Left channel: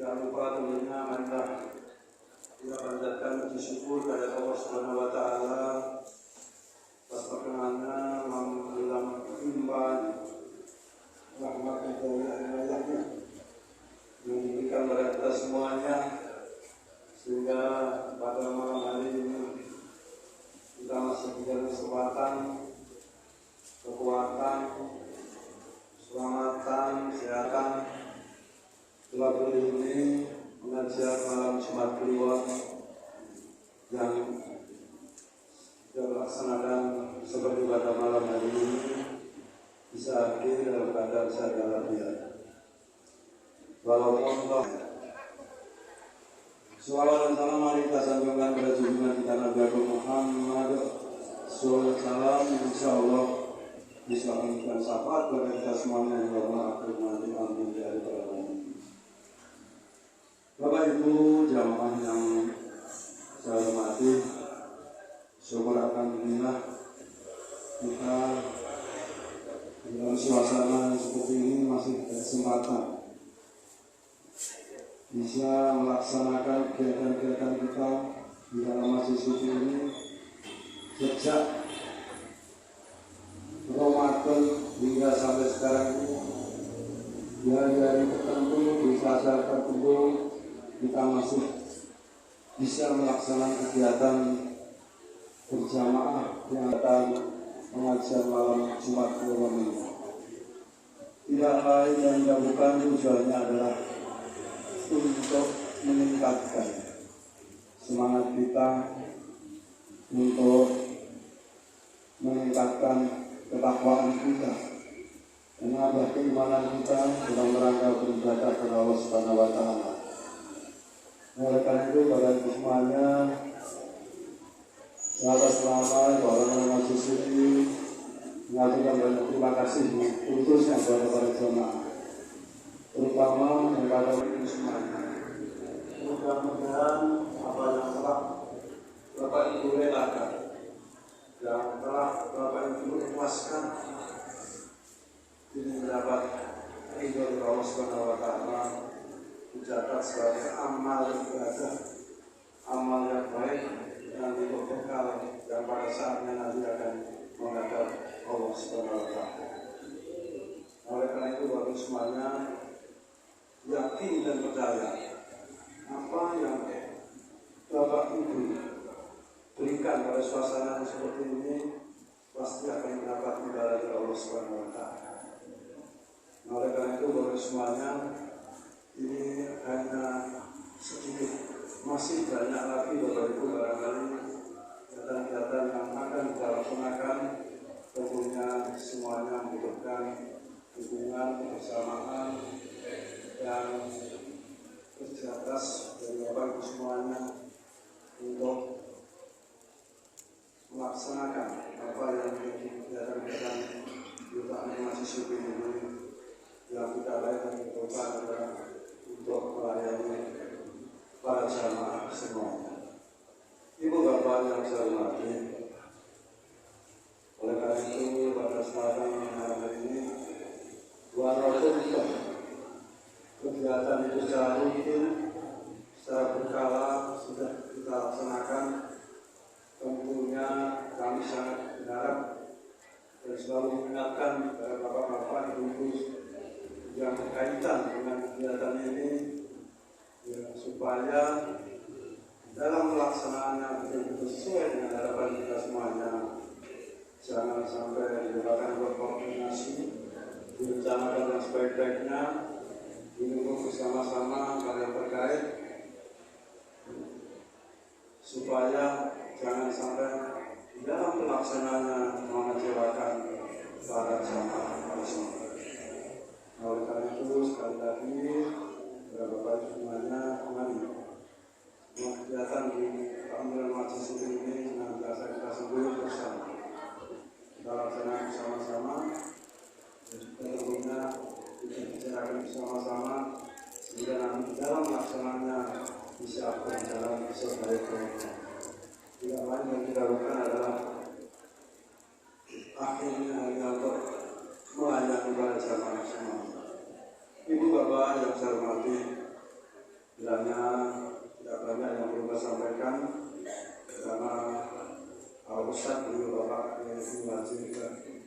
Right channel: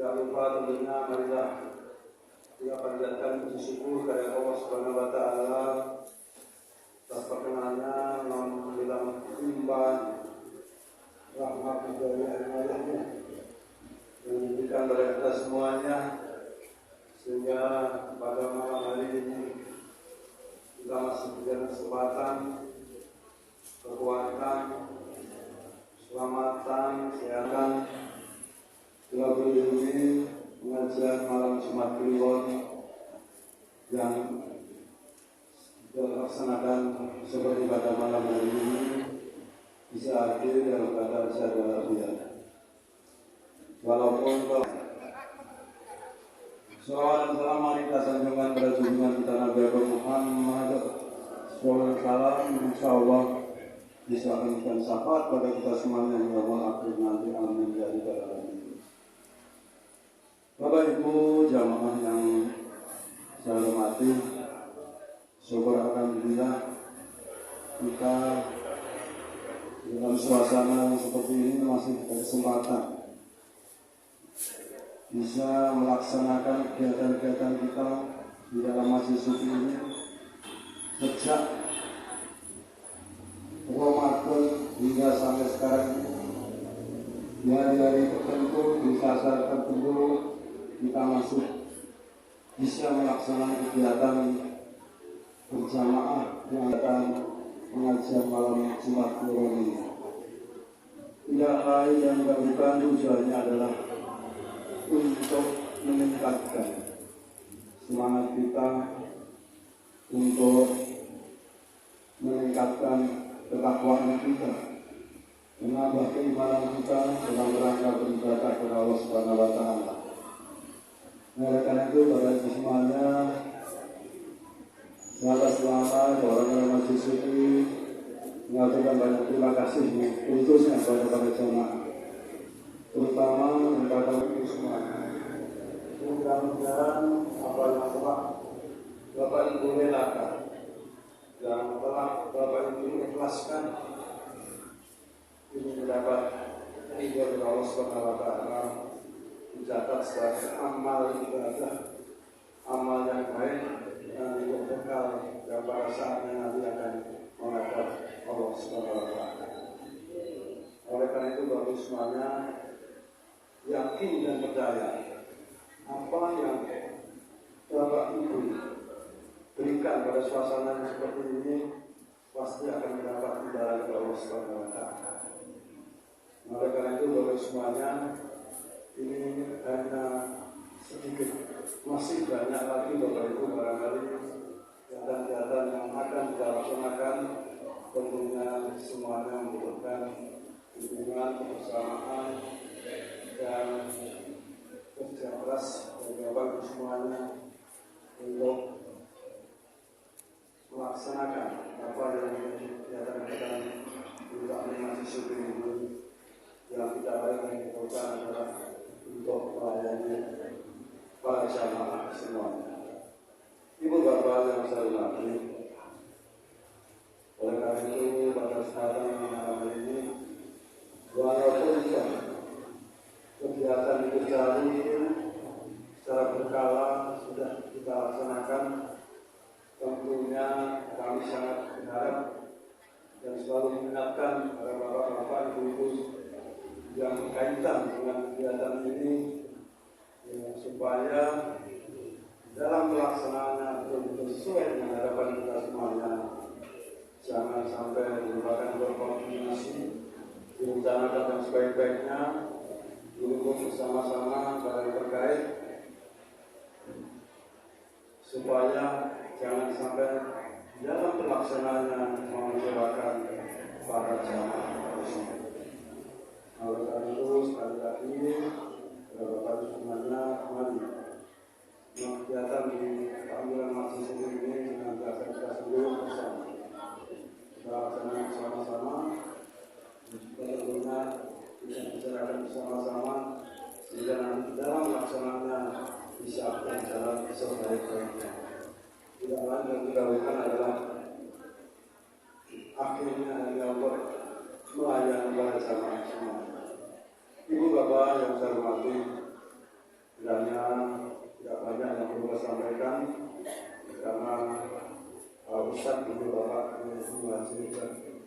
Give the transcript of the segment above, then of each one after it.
Tidak lupa tentunya marilah kita panjatkan puji syukur kepada Allah Subhanahu wa taala atas perkenannya dalam limpahan rahmat dari ayat-ayatnya yang diberikan kepada kita semuanya, sehingga pada malam hari ini kita masih diberikan kesempatan, kekuatan, keselamatan, kesehatan telah berdiri mengajar malam Jumat Kliwon yang dilaksanakan seperti pada malam hari ini bisa hadir dalam keadaan sadar walafiat. Walaupun salawat dan salam mari kita sanjungkan pada junjungan kita Nabi Muhammad SAW. Insyaallah bisa memberikan syafaat pada kita semuanya hingga akhir nanti. Amin ya rabbal alamin. Bapak Ibu jamaah yang saya hormati, syukur alhamdulillah kita dalam suasana seperti ini masih berkesempatan bisa melaksanakan kegiatan-kegiatan kita di dalam masjid suci ini sejak Ramadan hingga sampai sekarang ini. Di hari-hari tertentu, di saat-saat tertentu kita masih bisa melaksanakan kegiatan berjamaah yang akan mengajar malam Jumat Kliwon ini. Tidak lain dan tidak bukan tujuannya adalah untuk meningkatkan semangat kita, untuk meningkatkan ketakwaan kita, menambah keimanan kita dalam rangka beribadah kepada Allah Subhanahu wa taala. Oleh karena itu pada semuanya sahabat selamat orang-orang masjid suci mengaturkan banyak terima kasih khususnya kepada para jemaah, terutama kepada itu semuanya. Mudah-mudahan apa yang telah Bapak Ibu relakan, yang telah Bapak Ibu ikhlaskan ini mendapat ridho dari Allah Subhanahu wa taala, dicatat sebagai amal ibadah, amal yang baik yang dibekal yang pada saatnya nanti akan menghadap Allah Subhanahu wa taala. Oleh karena itu Bapak semuanya yakin dan percaya apa yang Bapak Ibu berikan pada suasana seperti ini pasti akan mendapat imbalan dari Allah Subhanahu wa taala. Oleh karena itu Bapak semuanya, ini hanya sedikit, masih banyak lagi Bapak Ibu barangkali kegiatan-kegiatan yang akan kita laksanakan. Tentunya semuanya membutuhkan dukungan, kebersamaan dan kerja keras dari Bapak Ibu semuanya untuk melaksanakan apa yang menjadi kegiatan-kegiatan kita masih suci ini yang kita lakukan adalah untuk melayani para jamaah semuanya. Ibu bapak yang saya hormati, oleh karena itu pada sekarang malam ini walaupun kegiatan itu secara rutin, secara berkala sudah kita laksanakan, tentunya kami sangat berharap dan selalu mengingatkan kepada bapak-bapak, ibu-ibu yang berkaitan dengan kegiatan ini ya, supaya dalam pelaksanaannya betul-betul sesuai dengan harapan kita semuanya. Jangan sampai dilakukan berkoordinasi, direncanakan yang sebaik-baiknya, didukung bersama-sama para yang terkait, supaya jangan sampai dalam pelaksanaannya mengecewakan para jamaah tersebut. Oleh karena itu sekali lagi Bapak Ibu semuanya, mari kegiatan di panggilan masjid suci ini dengan kita sebut bersama. Kita laksanakan bersama-sama, kita tentunya kita bicarakan bersama-sama, sehingga nanti dalam pelaksanaannya bisa berjalan sebaik-baiknya. Tidak lain yang kita lakukan adalah akhirnya hanya untuk melayani para jamaah semua. Ibu bapak yang saya hormati, Kiranya tidak banyak yang perlu saya sampaikan karena Ustaz dan Bapak yang mengajarkan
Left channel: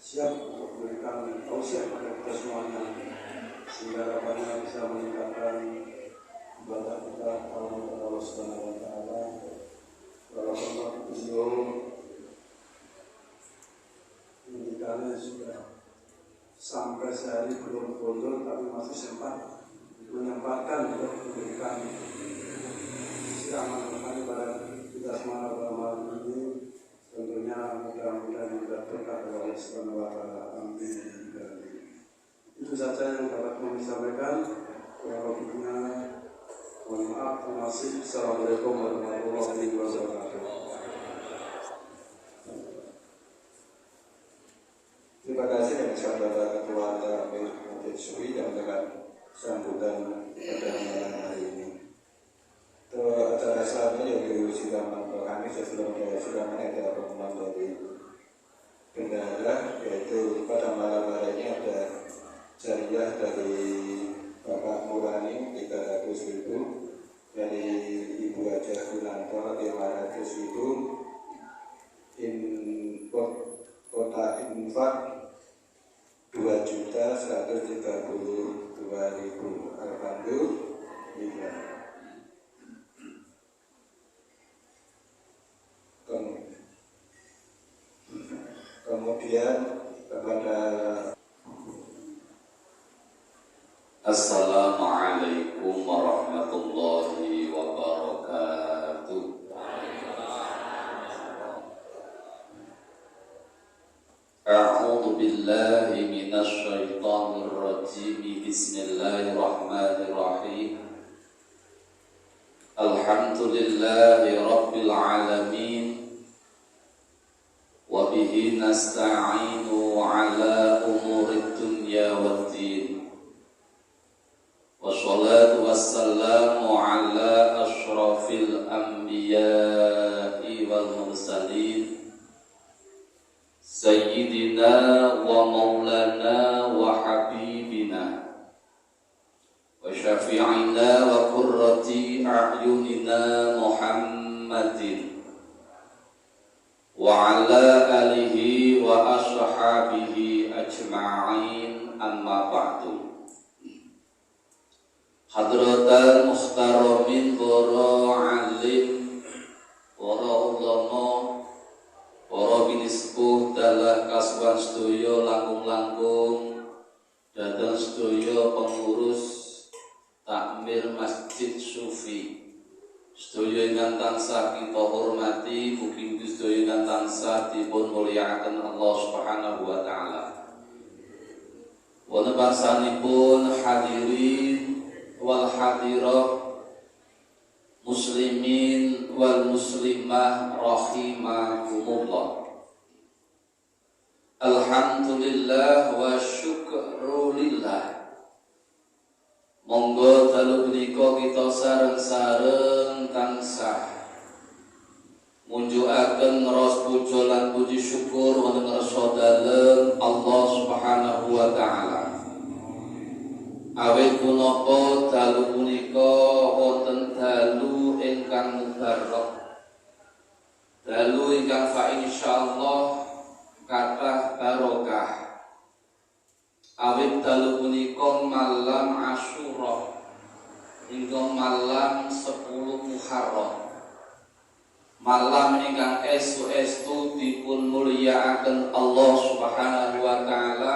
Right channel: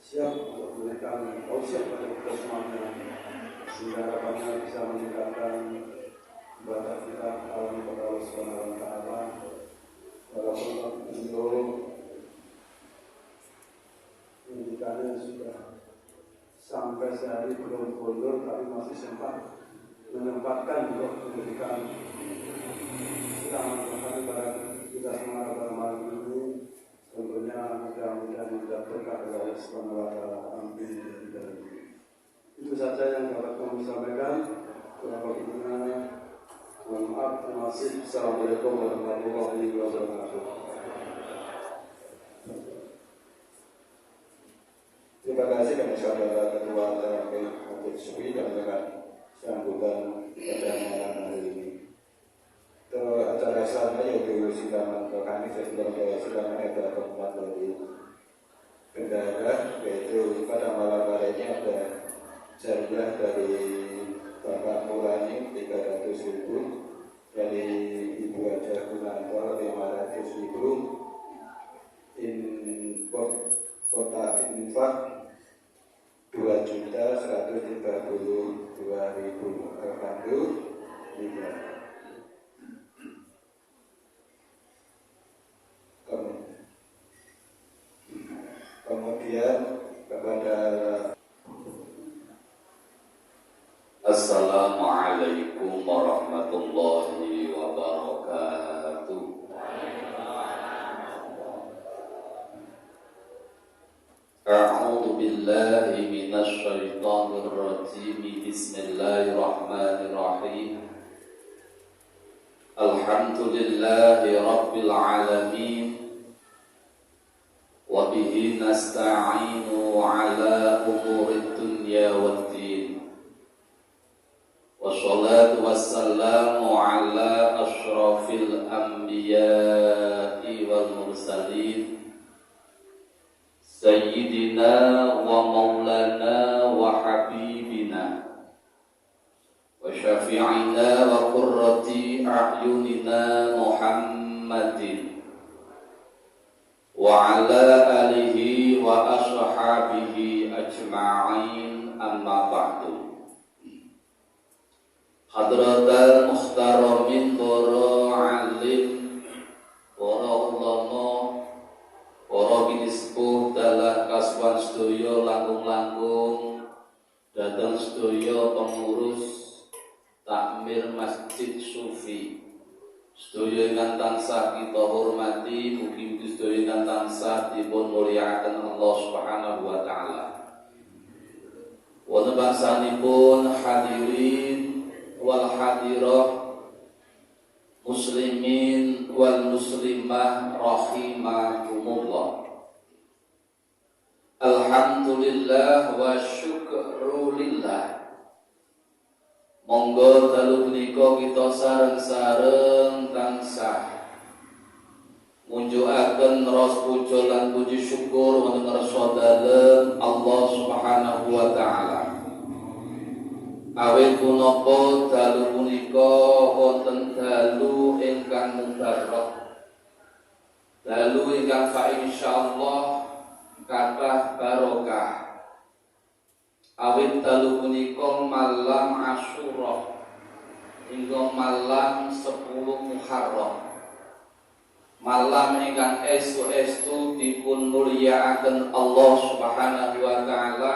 siap untuk memberikan tausiah kepada kita semuanya sehingga harapannya bisa meningkatkan ibadah kita kepada Allah Subhanahu wa taala. Walaupun belum indikasinya sudah sampai sehari belum mundur, tapi masih sempat menyempatkan untuk memberikan sedang ibadah kita semua pada malam ini. Tentunya mudah-mudahan juga berkah dari Allah Subhanahu wa taala. Amin. Itu saja yang dapat kami sampaikan. Kurang-kurangnya mohon maaf. Terima kasih. Assalamualaikum warahmatullahi wabarakatuh. Terima kasih kepada saudara ketua TRP Masjid Suri dan juga sambutan pada malam hari ini. Untuk acara selanjutnya yaitu sidang kami sebelum sidang ada pertemuan dari bendahara, yaitu pada malam hari ini ada jariah dari Bapak Murani 300.000, dari Ibu Haja Gunanto 500.000, kota infak 2.132.000. Alhamdulillah. Kemudian kepada Assalamualaikum warahmatullahi wabarakatuh. A'udzu billahi minasy syaithanir rajim. Bismillahirrahmanirrahim. Alhamdulillahi rabbil alamin. Wa bihi nasta'inu ala umurid dunya waddin. Wassalatu wassalamu ala asyrafil anbiya'i wal mursalin Sayyidina wa maulana wa habibina wa syafi'ina wa qurrati a'yunina Muhammadin wa ala alihi wa ashabihi ajma'in, amma ba'du. Hadratal muhtaramin, para alim, para ulama, para binispuh dalah kasuan sedaya langkung-langkung datang sedaya pengurus takmir Masjid Sufi. Sedaya ingkang tansah kita hormati, mugi-mugi sedaya ingkang tansah dipun mulyakaken Allah Subhanahu wa taala. Wonten bangsanipun hadirin wal hadirah, muslimin wal muslimah rahimakumullah. Alhamdulillah wa syukrulillah. Monggo dalu menika kita sareng-sareng tansah munjukaken ras puja lan puji syukur wonten ngarsa dalem Allah Subhanahu wa taala. Awit punapa dalu punika wonten dalu ingkang mubarak, dalu ingkang fa insyaallah kathah barokah. Awit dalu punika malam Asyura hingga malam 10 Muharram, malam ingkang estu-estu dipun mulyakaken Allah Subhanahu wa taala.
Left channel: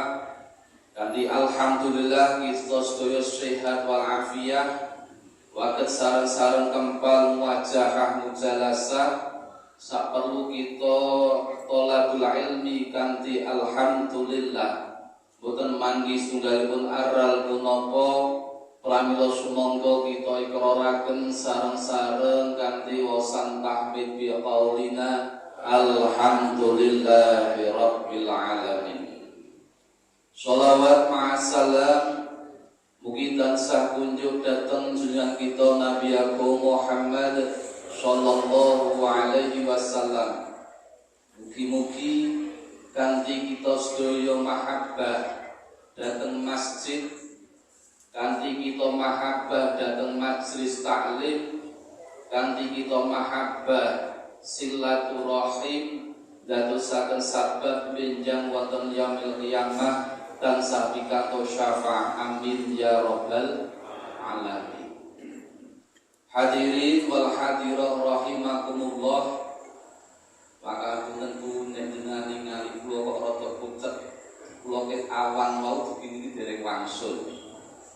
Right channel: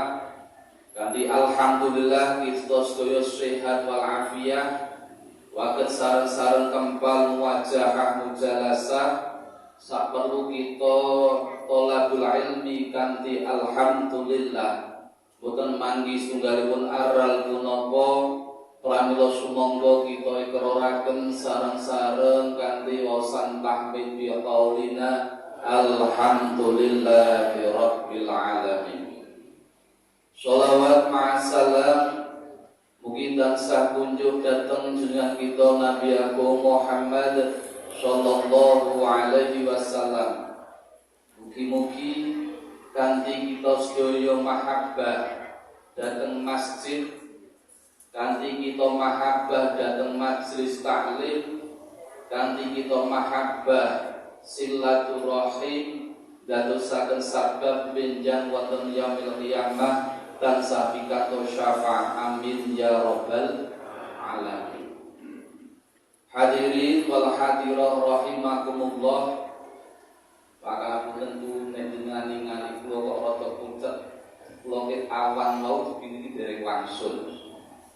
Kanthi alhamdulillah kita sedaya sehat wal afiat, waket sareng-sareng kempal muwajahah mujalasah saperlu kita thalabul ilmi kanthi alhamdulillah. Boten manggi setunggalipun aral punapa pramila sumangga kita ikraraken sareng-sareng kanthi wasan tahmid bi qaulina alhamdulillahi rabbil alamin. Sholawat ma'asalam mugi tansah kunjuk dateng junjungan kita Nabi Agung Muhammad sallallahu alaihi wasallam. Mugi-mugi kanthi kita sedaya mahabbah dateng masjid kanthi kita mahabbah dhateng majelis taklim, kanthi kita mahabbah silaturahim dadosaken sabab benjang wonten yaumil qiyamah tansah pikato syafaat amin ya rabbal alamin. Hadirin wal hadirah rahimakumullah. Maka punten nek jenengan ningali kula kok rada pucet, kula ket awan mau dipingi dereng wangsul.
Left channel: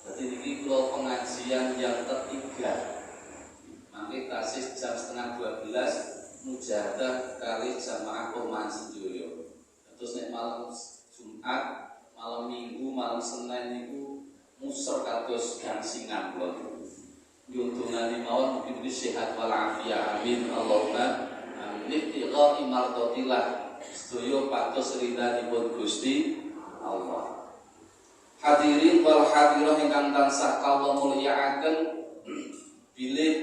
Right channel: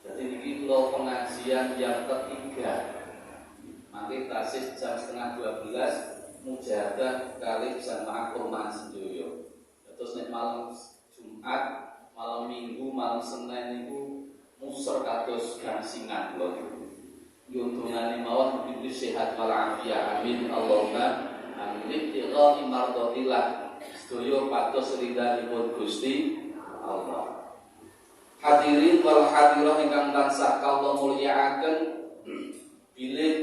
Jadi ini kula pengajian yang ketiga. Mangke tasih jam 11:30 mujahadah kali jamaah perumahan sedoyo. Terus nek malam Jumat, malam Minggu, malam Senin niku muser kados gangsingan kula. Yuntungane mawon mugi sehat walafiat amin Allahumma amin. Ibtighai mardatillah sedoyo pados ridhanipun Gusti Allah. Hadirin wal hadirah ingkang tansah kawula mulyakaken, bilih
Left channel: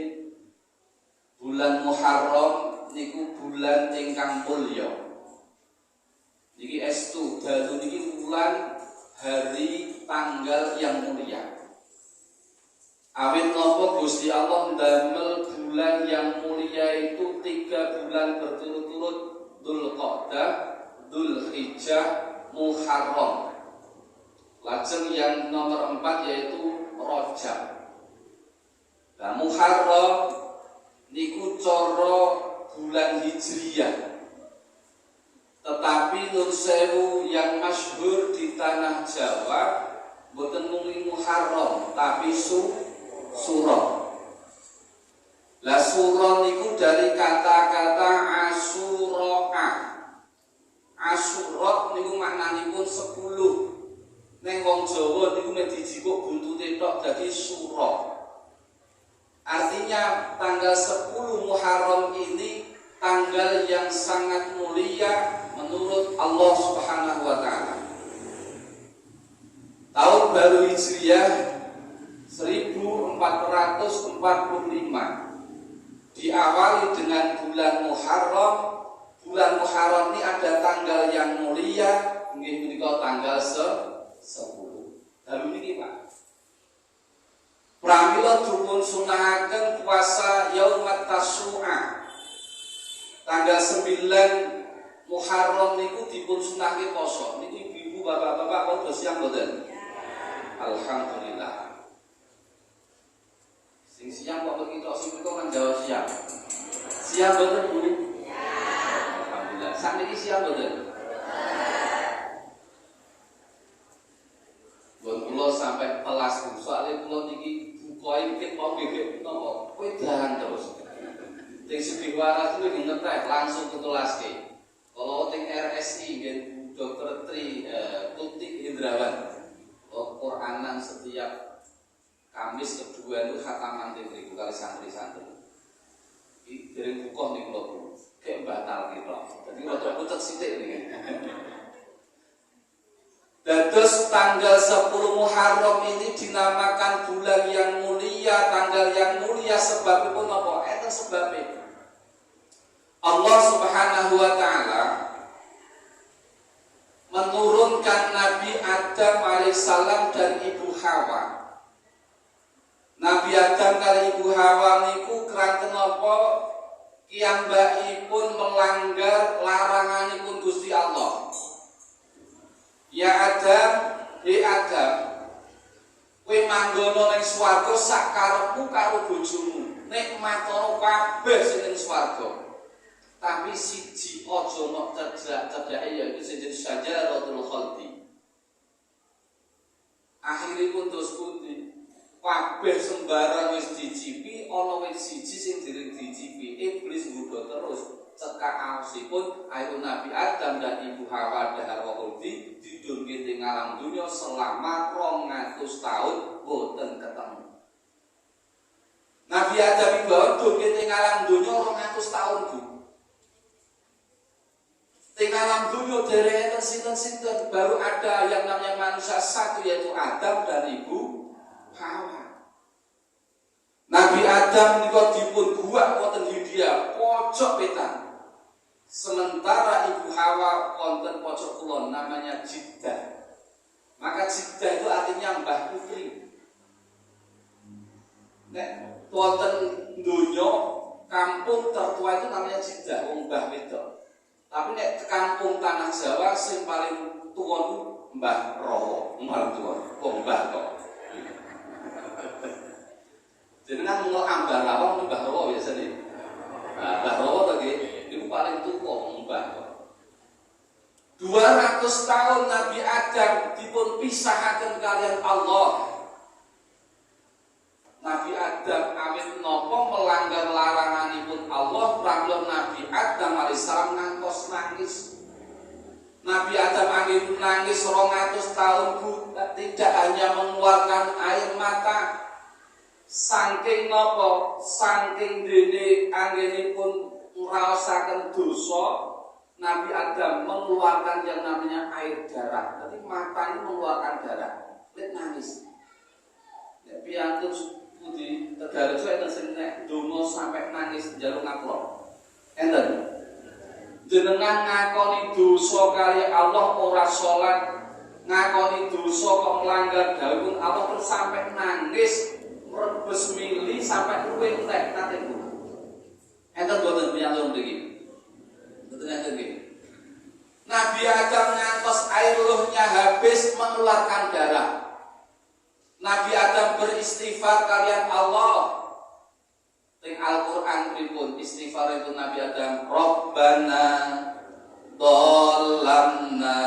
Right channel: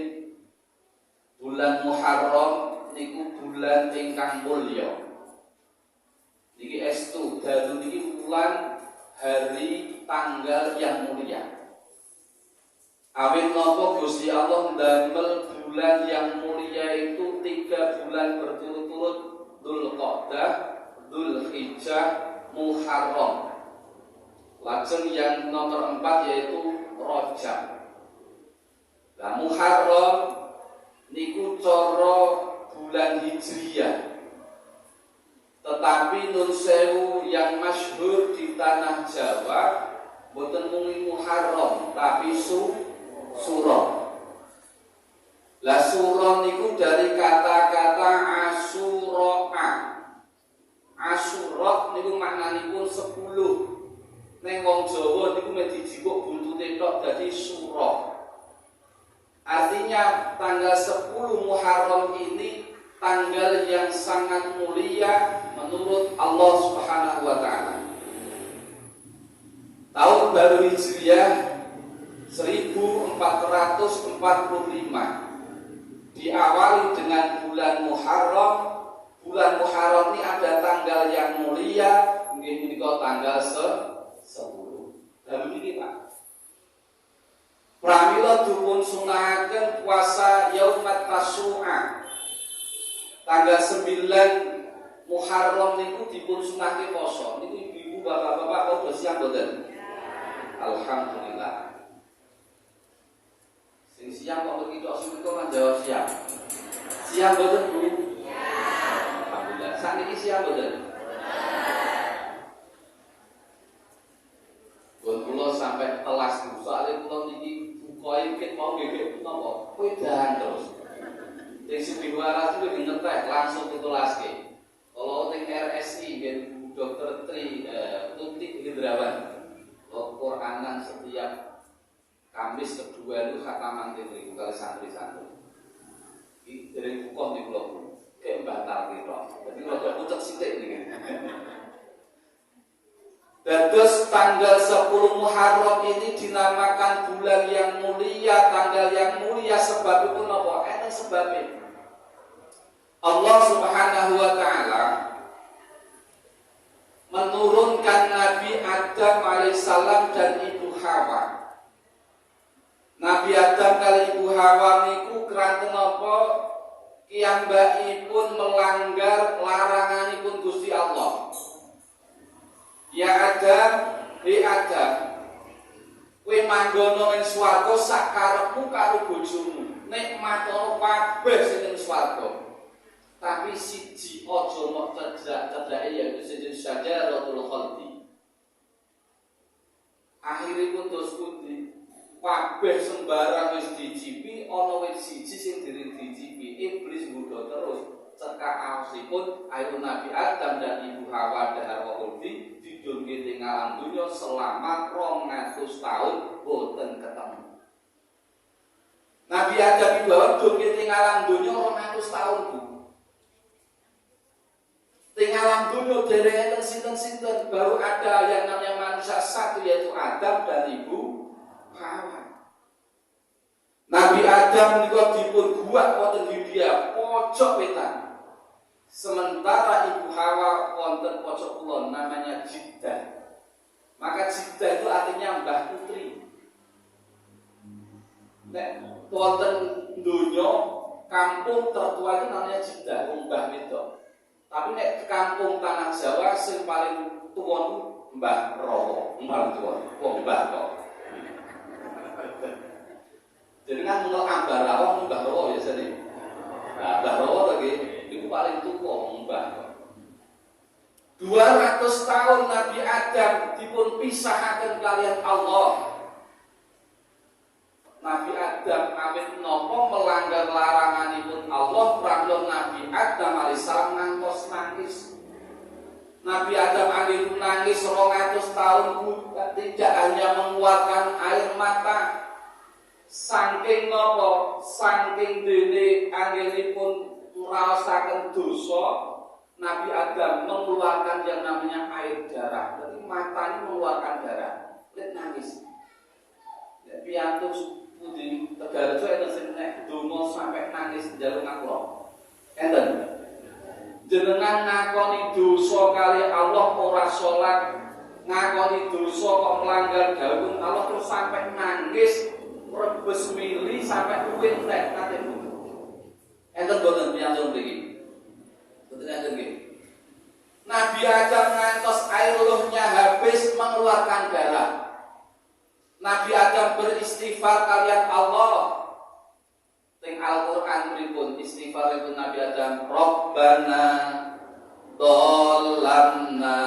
bulan Muharram niku bulan ingkang mulya. Niki estu dalu niki bulan hari tanggal yang mulia. Awit napa Gusti Allah ndamel bulan yang mulia itu 3 bulan berturut-turut, Dzulqa'dah, Dzulhijjah, Muharram. Lajeng yang nomor 4 yaitu Rajab. Nah, Muharram niku cara bulan Hijriyah. Tetapi nun sewu yang masyhur di tanah Jawa boten mung Muharram tapi Suro. Lah Suro niku dari kata-kata Asyura. Asyura niku maknanipun 10. Neng wong Jawa niku mek dijikuk buntute tok dadi Suro. Artinya tanggal 10 Muharram ini tanggal yang sangat mulia menurut Allah Subhanahu wa taala. Tahun baru Hijriah 1445 diawali dengan bulan Muharram. Bulan Muharram ini ada tanggal yang mulia, nggih menika tanggal 10. Dalu niki Pak. Pramila dipun sunahaken puasa Yaumat Tasyu'a. Tanggal 9 Muharram niku dipun sunahke poso. Niku ibu bapak-bapak udah siap mboten? Alhamdulillah. Sing siap kok begitu sing kan jawab siap. Siap mboten Bu? Siap. Alhamdulillah. Sakniki siap mboten? Kula sampai telas Bu. Soale kula niki buka iki mau gegek napa? Wedan terus. Sing sing waras kuwi ngetek langsung ketulaske. Kalau teng RSI nggih Dr. Tuti Hindrawan. Quranan setiap Kamis kedua itu khataman tinggi kali santri-santri. Iki dereng buka nih kula Bu. Kayak batal gitu. Jadi rada pucet sithik niki. Dados tanggal 10 Muharram ini dinamakan bulan yang mulia, tanggal yang mulia sebab itu napa? Enten sebabe. Allah Subhanahu wa taala menurunkan Nabi Adam alaihissalam dan Ibu Hawa. Nabi Adam kali Ibu Hawa niku keranten napa? Kiyambakipun melanggar laranganipun Gusti Allah. Ya Adam, Adam, kowe manggono ning swarga sak karepmu karo bojomu. Nikmatono kabeh sing ning swarga. Tapi siji aja mok cedhak-cedhake yaiku sing Syajaratul Khaldi. Akhiripun terus pundi? Kabeh sembarang wis dicipi, ana wit siji sing dereng dicipi. Iblis nggodha terus cekak aosipun ayo Nabi Adam dan Ibu Hawa dahar Khaldi didunke ing alam dunya selama 200 tahun boten ketemu. Nabi Adam Ibu Hawa didunke ing alam dunya 200 tahun Bu. Ing alam dunya dereng sinten-sinten baru ada yang namanya manusia satu yaitu Adam dan Ibu Hawa. Nabi Adam niku dipun buak wonten Hindia pojok wetan. Sementara Ibu Hawa wonten pojok kulon namanya Jiddah. Maka Jiddah itu artinya mbah putri. Nek wonten donya kampung tertua itu namanya Jeddah, Mbah Wedok. Tapi nek kampung tanah Jawa sing paling tua itu Mbah Rowo, Mbah tua, Mbah kok. Jadi kan mengenal Ambarawa Mbah Rowo ya jadi. Nah, Mbah Rowo lagi itu paling tua Mbah. 200 tahun Nabi Adam dipun pisahaken kalian Allah. Nabi Adam awit nopo melanggar laranganipun Allah, pramila Nabi Adam alaihissalam ngantos nangis. Nabi Adam anggih nangis 200 tahun tidak hanya mengeluarkan air mata. Saking nopo, saking dene anggenipun ngraosaken dosa, Nabi Adam mengeluarkan yang namanya air darah. Jadi matanya mengeluarkan darah. Lihat nangis. Lihat piantus di Tegarejo enten sing nek donga sampai nangis njaluk ngapura. Enten. Jenengan ngakoni dosa kali Allah ora salat, ngakoni dosa kok melanggar dawuh Allah terus sampai nangis, rebes mili sampai kuwi entek nate. Enten boten piantus mriki. Boten enten nggih. Nabi Adam ngantos air luhnya habis mengeluarkan darah. Nabi Adam beristighfar kalian Allah. Teng Al-Qur'an pripun istighfar itu Nabi Adam, Rabbana dhallamna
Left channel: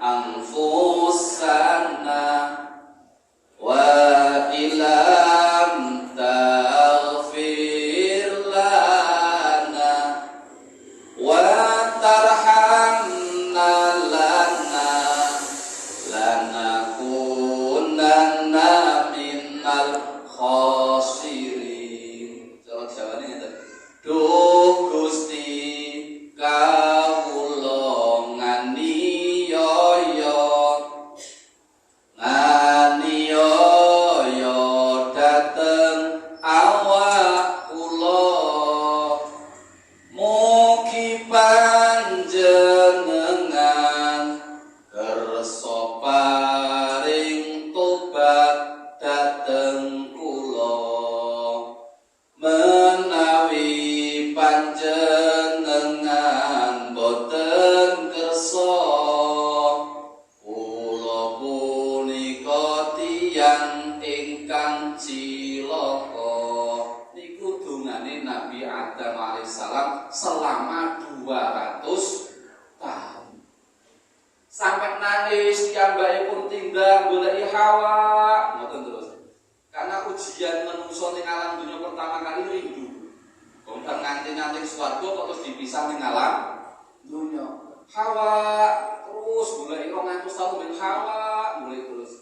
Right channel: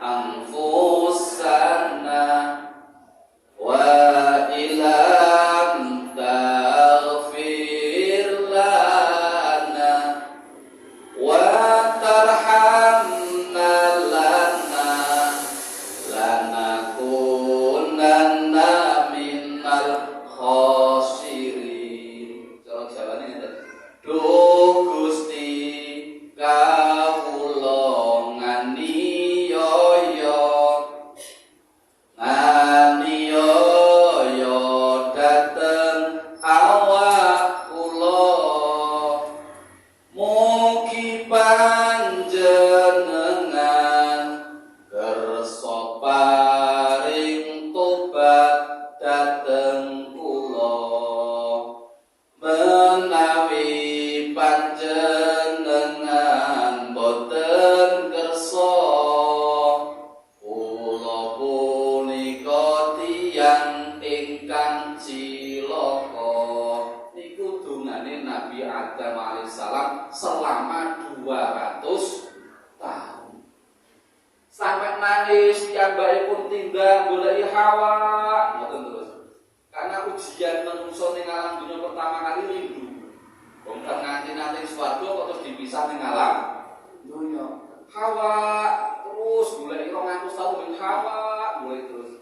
anfusana wa ilam taghfir lana wa tarhamna lana lanakunanna minal khosirin. Cara Jawane ngeten. Duh Gusti kawula nganiaya dateng awak kula. Mugi panjenengan kersa paring tobat dateng kula. Menawi panjenengan boten kersa, kula punika tiyang ingkang cilaka. Niku dungane Nabi Adam alaihissalam selama 200 tahun. Sampai nangis piyambakipun tinggal goleki Hawa, ngoten terus. Karena ujian menungso ning alam dunia pertama kali rindu. Wong nganti-nganti swarga kok terus dipisah ning alam dunia. Hawa terus goleki 200 tahun ben Hawa, goleki terus.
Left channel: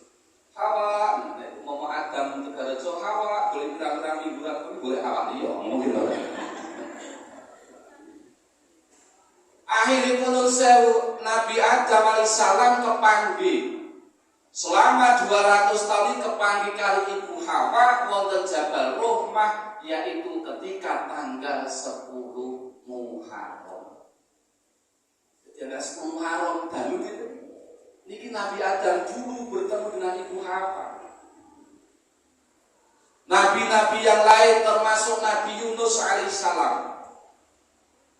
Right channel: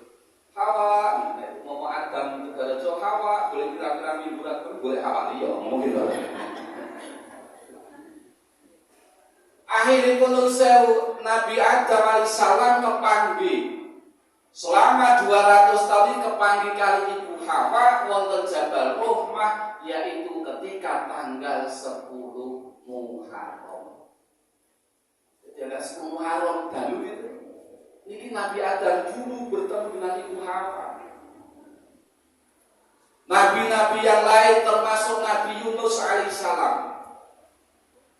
Hawa, nek mau Adam Tegarejo Hawa, goleki kira-kira mingguan golek Hawa liya, ngomong gitu. Akhiripun sewu Nabi Adam alaihissalam kepanggih. Selama 200 tahun kepanggih kali Ibu Hawa wonten Jabal Rahmah, yaitu ketika tanggal 10 Muharram. Jadi 10 Muharram dalu gitu. Niki Nabi Adam dulu bertemu dengan Ibu Hawa. Nabi-nabi yang lain termasuk Nabi Yunus alaihissalam.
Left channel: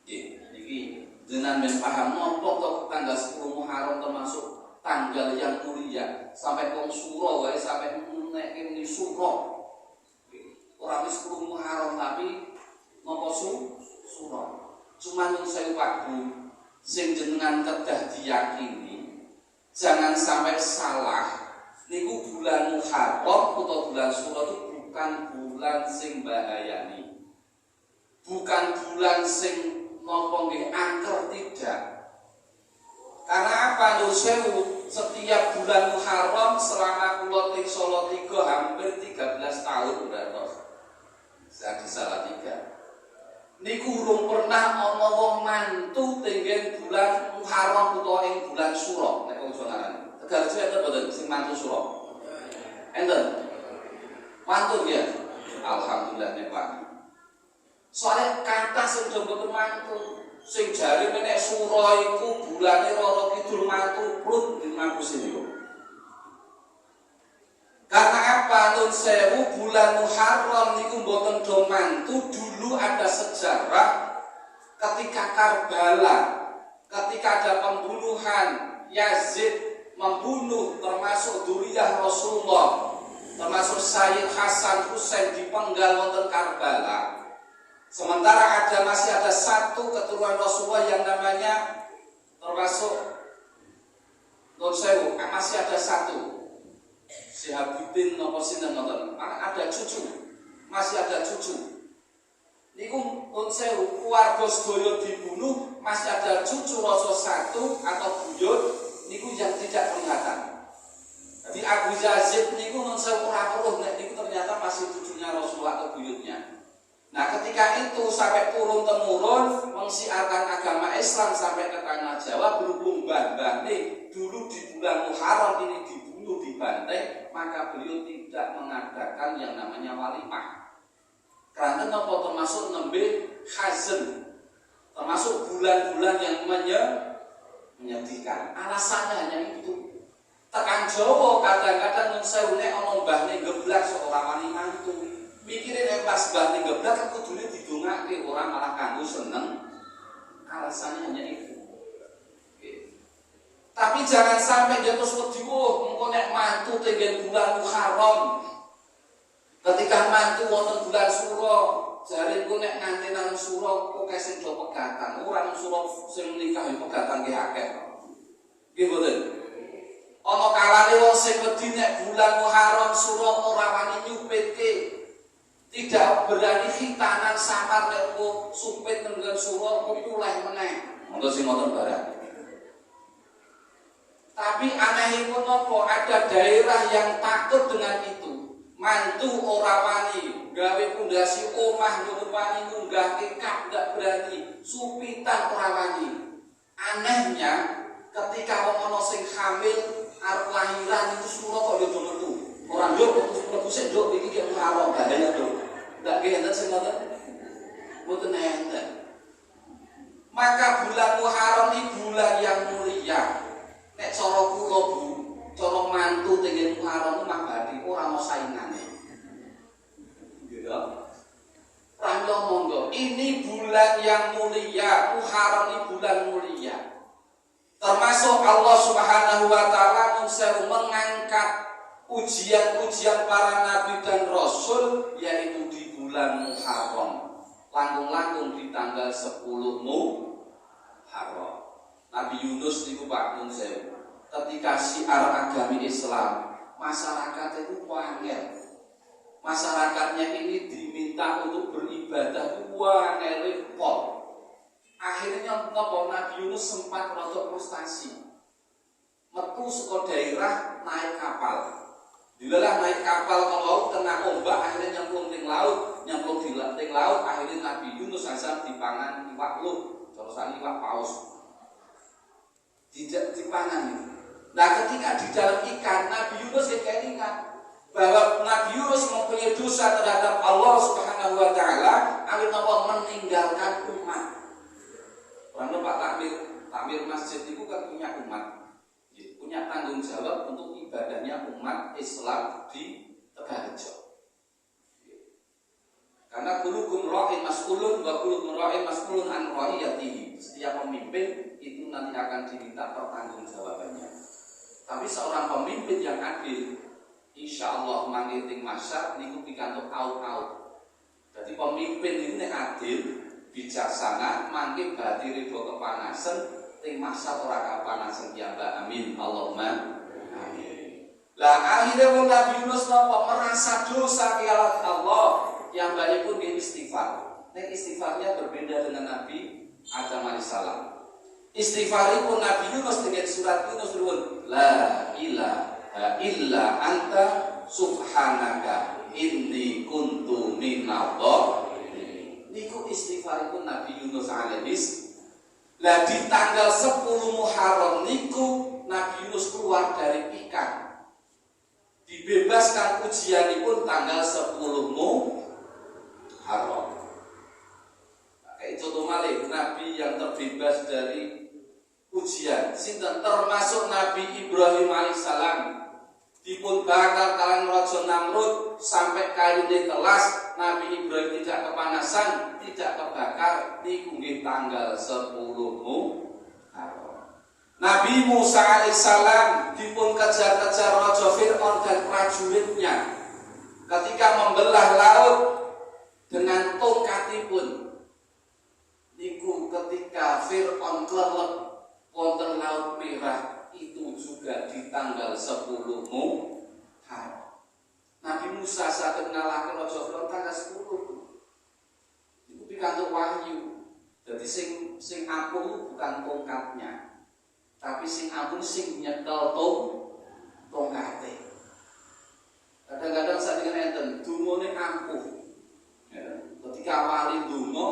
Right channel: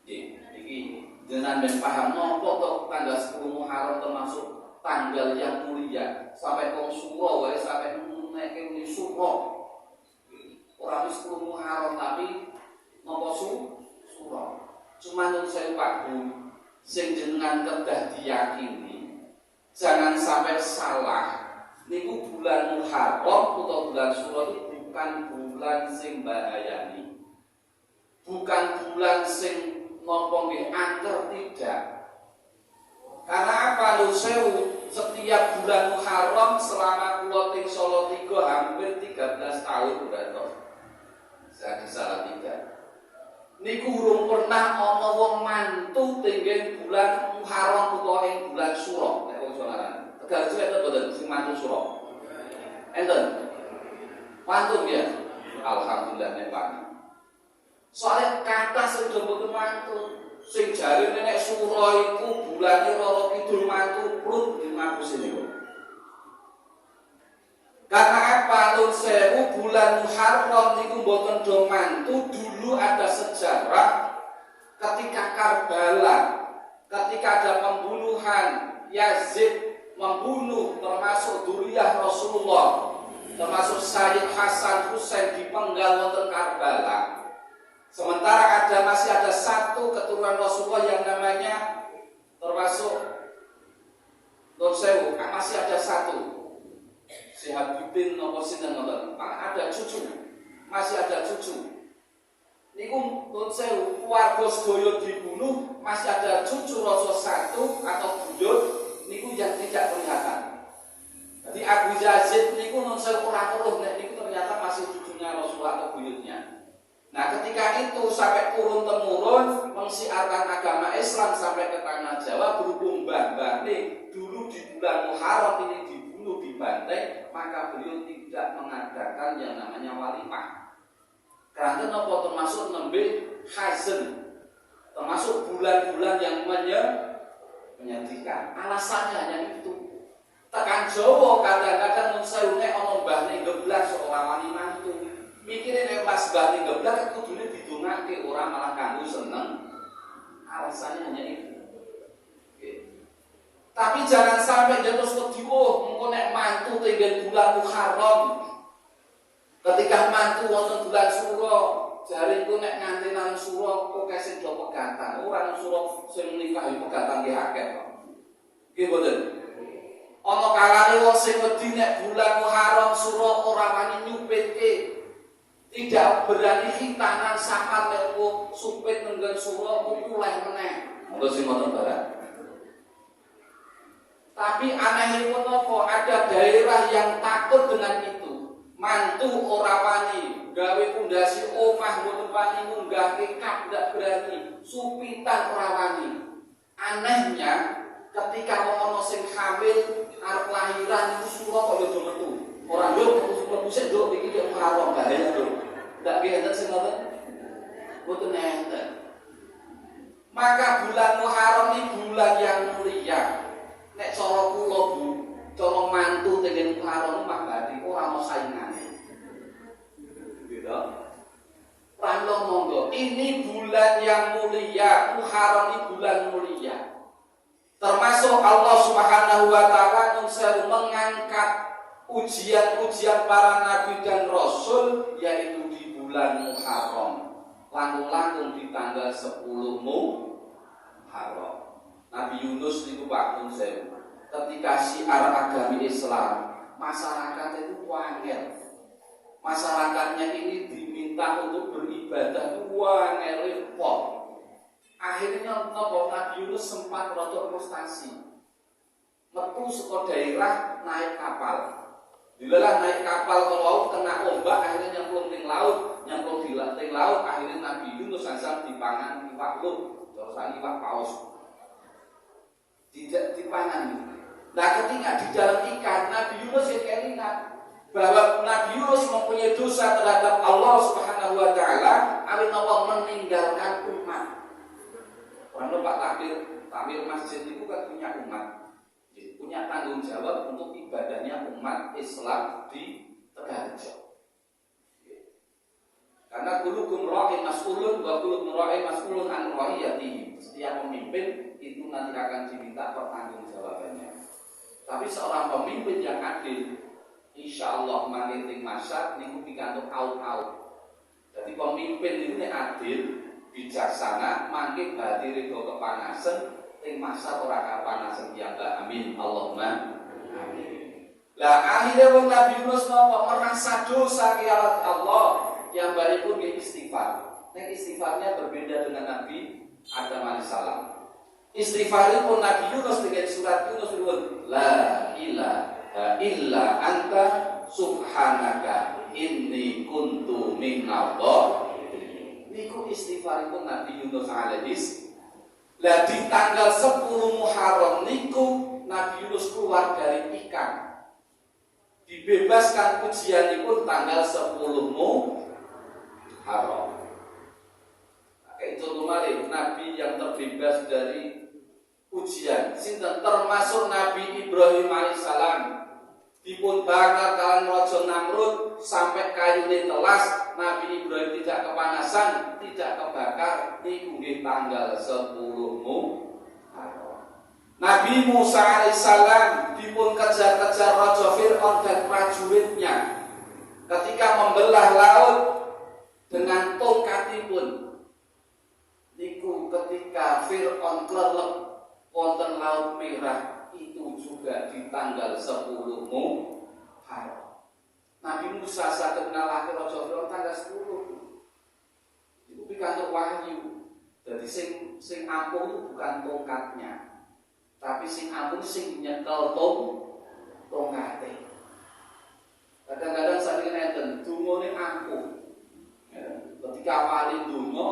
Niki dengan paham nopo kok tanggal 10 Muharram termasuk tanggal yang mulia, sampai wong suro wae sampai nek muni suro. Ora wis 10 Muharram tapi napa suro. Cuma yang saya waktu sing jenengan kedah diyakini jangan sampai salah. Niku bulan Muharram atau bulan Suro itu bukan bulan sing bahayani. Bukan bulan sing napa nggih angker, tidak. Karena apa? Sewu setiap bulan Muharram selama kula teng Solo 3 hampir 13 tahun berarti. Saya salah 3. Niku urung pernah ana wong mantu tenggen bulan Muharram utawa ing bulan Suro nek wong Jolaran. Tegarejo enten boten sing mantu Suro? Enten. Mantu ya. Alhamdulillah nek wani. Soale kata sing boten mantu. Sing jare nek Suro iku bulane Roro Kidul mantu prut di ngampus ini. Karena apa? nyuwun sewu bulan Muharram niku mboten do mantu. Dulu ada sejarah ketika Karbala, ketika ada pembunuhan Yazid membunuh termasuk dzurriyyah Rasulullah, termasuk Sayyid Hasan Husain dipenggal wonten Karbala. Sementara masih ada satu keturunan Rasulullah yang namanya termasuk masih ada satu Syihabuddin nopo sinten ngoten, ada cucu, masih ada cucu. Niku nun sewu keluarga sedaya dibunuh, masih ada cucu Rasul satu atau buyut niku yang tidak kelihatan. Jadi Abu Yazid niku nun sewu ora weruh nek niku ternyata masih cucunya Rasulullah atau buyutnya. Nah, ketika itu sampai turun temurun mensiarkan agama Islam sampai ke tanah Jawa, berhubung mbah-mbah dulu di bulan Muharram ini dibunuh, dibantai, maka beliau tidak mengadakan yang namanya walimah. Karena apa termasuk nembe hazen, termasuk bulan-bulan yang menyedihkan. Alasannya hanya itu. Tekan Jawa kadang-kadang mun sewune ana mbahne geblak seorang walimah itu. Mikirin pas mbah ning geblak kan kudune didongake ora malah kanggo seneng. Alasannya hanya itu. Tapi jangan sampai dia terus wedi engko nek mantu tenggen bulan Muharram. Ketika mantu wonten bulan Suro, jariku nek nganti nang Suro kok sing do pegatan. Ora nang Suro sing nikah yo pegatan ki akeh kok. Nggih mboten. Ana kalane wong sing wedi nek bulan Muharram Suro ora wani nyupitke. Tidak berani khitanan samar nek supit nenggon Suro kok iku leh meneh. Monggo sing ngoten barang. Tapi anehipun apa? Ada daerah yang takut dengan itu. Mantu ora wani, gawe pondasi omah mboten wani, munggah kekak ndak berani, supitan ora wani. Anehnya ketika wong ana sing hamil arep lahiran itu Suro kok yo metu. Ora yo metu sik nduk iki ki Muharram bahaya nduk. Ndak ki enten sing ngoten. Mboten enten. Maka bulan Muharram ini bulan yang mulia. Nek cara kula Bu, cara mantu tenggen Muharram mah badhe ora ana saingane. Gitu. Pramila monggo, ini bulan yang mulia, Muharram ini bulan mulia. Termasuk Allah Subhanahu wa taala mengangkat ujian-ujian para nabi dan rasul yaitu di bulan Muharram. Langkung-langkung di tanggal 10 Muharram. Nabi Yunus niku Pak Nun Sewu. Ketika syiar agama Islam, masyarakat itu wangel. Masyarakatnya ini diminta untuk beribadah itu wangel repot. Akhirnya Nabi Yunus sempat rada frustasi. Metu saka daerah naik kapal. Dilelah naik kapal ke laut kena ombak akhirnya nyemplung ning laut, nyemplung di laut akhirnya Nabi Yunus azam dipangan iwak luh, terus iwak paus. Tidak dipangan. Nah, ketika di dalam ikan Nabi Yunus ingat bahwa Nabi Yunus mempunyai dosa terhadap Allah Subhanahu wa taala, amin Allah meninggalkan umat. Orang Pak takmir masjid itu kan punya umat. Punya tanggung jawab untuk ibadahnya umat Islam di Tegalrejo. Karena kulukum ra'in mas'ulun wa kulukum ra'in mas'ulun an ra'iyatihi. Setiap pemimpin itu nanti akan diminta pertanggungjawabannya. Tapi seorang pemimpin yang adil, insya Allah mangiting masyarakat niku pikantuk out. Jadi pemimpin itu nek adil, bijaksana, mangke bati ridho kepanasan, ting masyarakat ora kapanasan piyambak. Amin. Allahumma amin. Lah akhirnya wong Nabi Yunus napa merasa dosa kepada Allah. Yang balik pun dia istighfar. Nek istighfarnya berbeda dengan Nabi Adam alaihissalam. Istighfar pun Nabi Yunus dengan surat Yunus berwud, la ilaha illa anta subhanaka inni kuntu minadh-dhalimin. Niku istighfar pun Nabi Yunus alaihis. Lah di tanggal 10 Muharram niku Nabi Yunus keluar dari ikan. Dibebaskan ujianipun tanggal 10 Muharram. Kayak contoh malih Nabi yang terbebas dari ujian sinten termasuk Nabi Ibrahim alaihissalam dipun bakar kalan Raja Namrud sampai kayune telas, Nabi Ibrahim tidak kepanasan, tidak kebakar, niku nggih tanggal 10 Muharram. Nabi Musa alaihissalam dipun kejar-kejar Raja Fir'aun dan prajuritnya ketika membelah laut dengan tongkatipun. Niku ketika Fir'aun kelelep wonten Laut Merah, itu juga di tanggal 10 Muharram. Nabi Musa saged ngalahke Raja Fir'aun tanggal 10. Iku pikantuk wahyu. Jadi sing apung bukan tongkatnya, tapi sing apung sing nyekel tongkate. Kadang-kadang saat ini enten dungane ampuh. Ya, ketika wali donga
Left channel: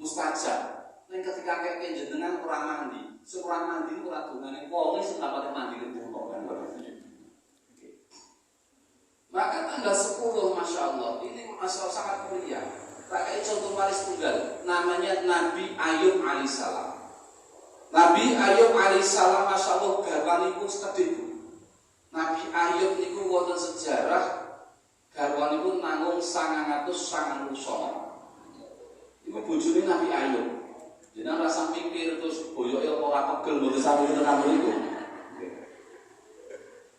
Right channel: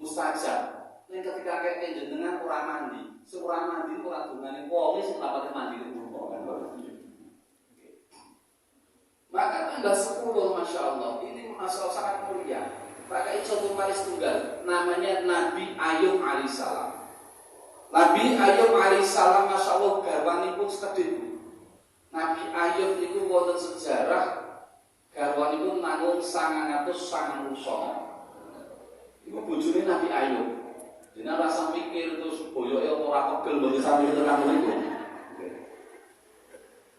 mustajab. Nek ketika keke jenengan ora mandi, ora mandi ora dungane wong sing tapate mandi donga kan. Maka tanggal 10 Masya Allah ini masalah sangat mulia. Pakai contoh paling tunggal, namanya Nabi Ayub alaihissalam. Nabi Ayub alaihissalam Masya Allah garwanipun sekedhik. Nabi Ayub niku wonten sejarah garwanipun nanggung 999. Iku bojone Nabi Ayub. Jenengan rasa mikir terus boyoke ora pegel mboten sampe tenan niku.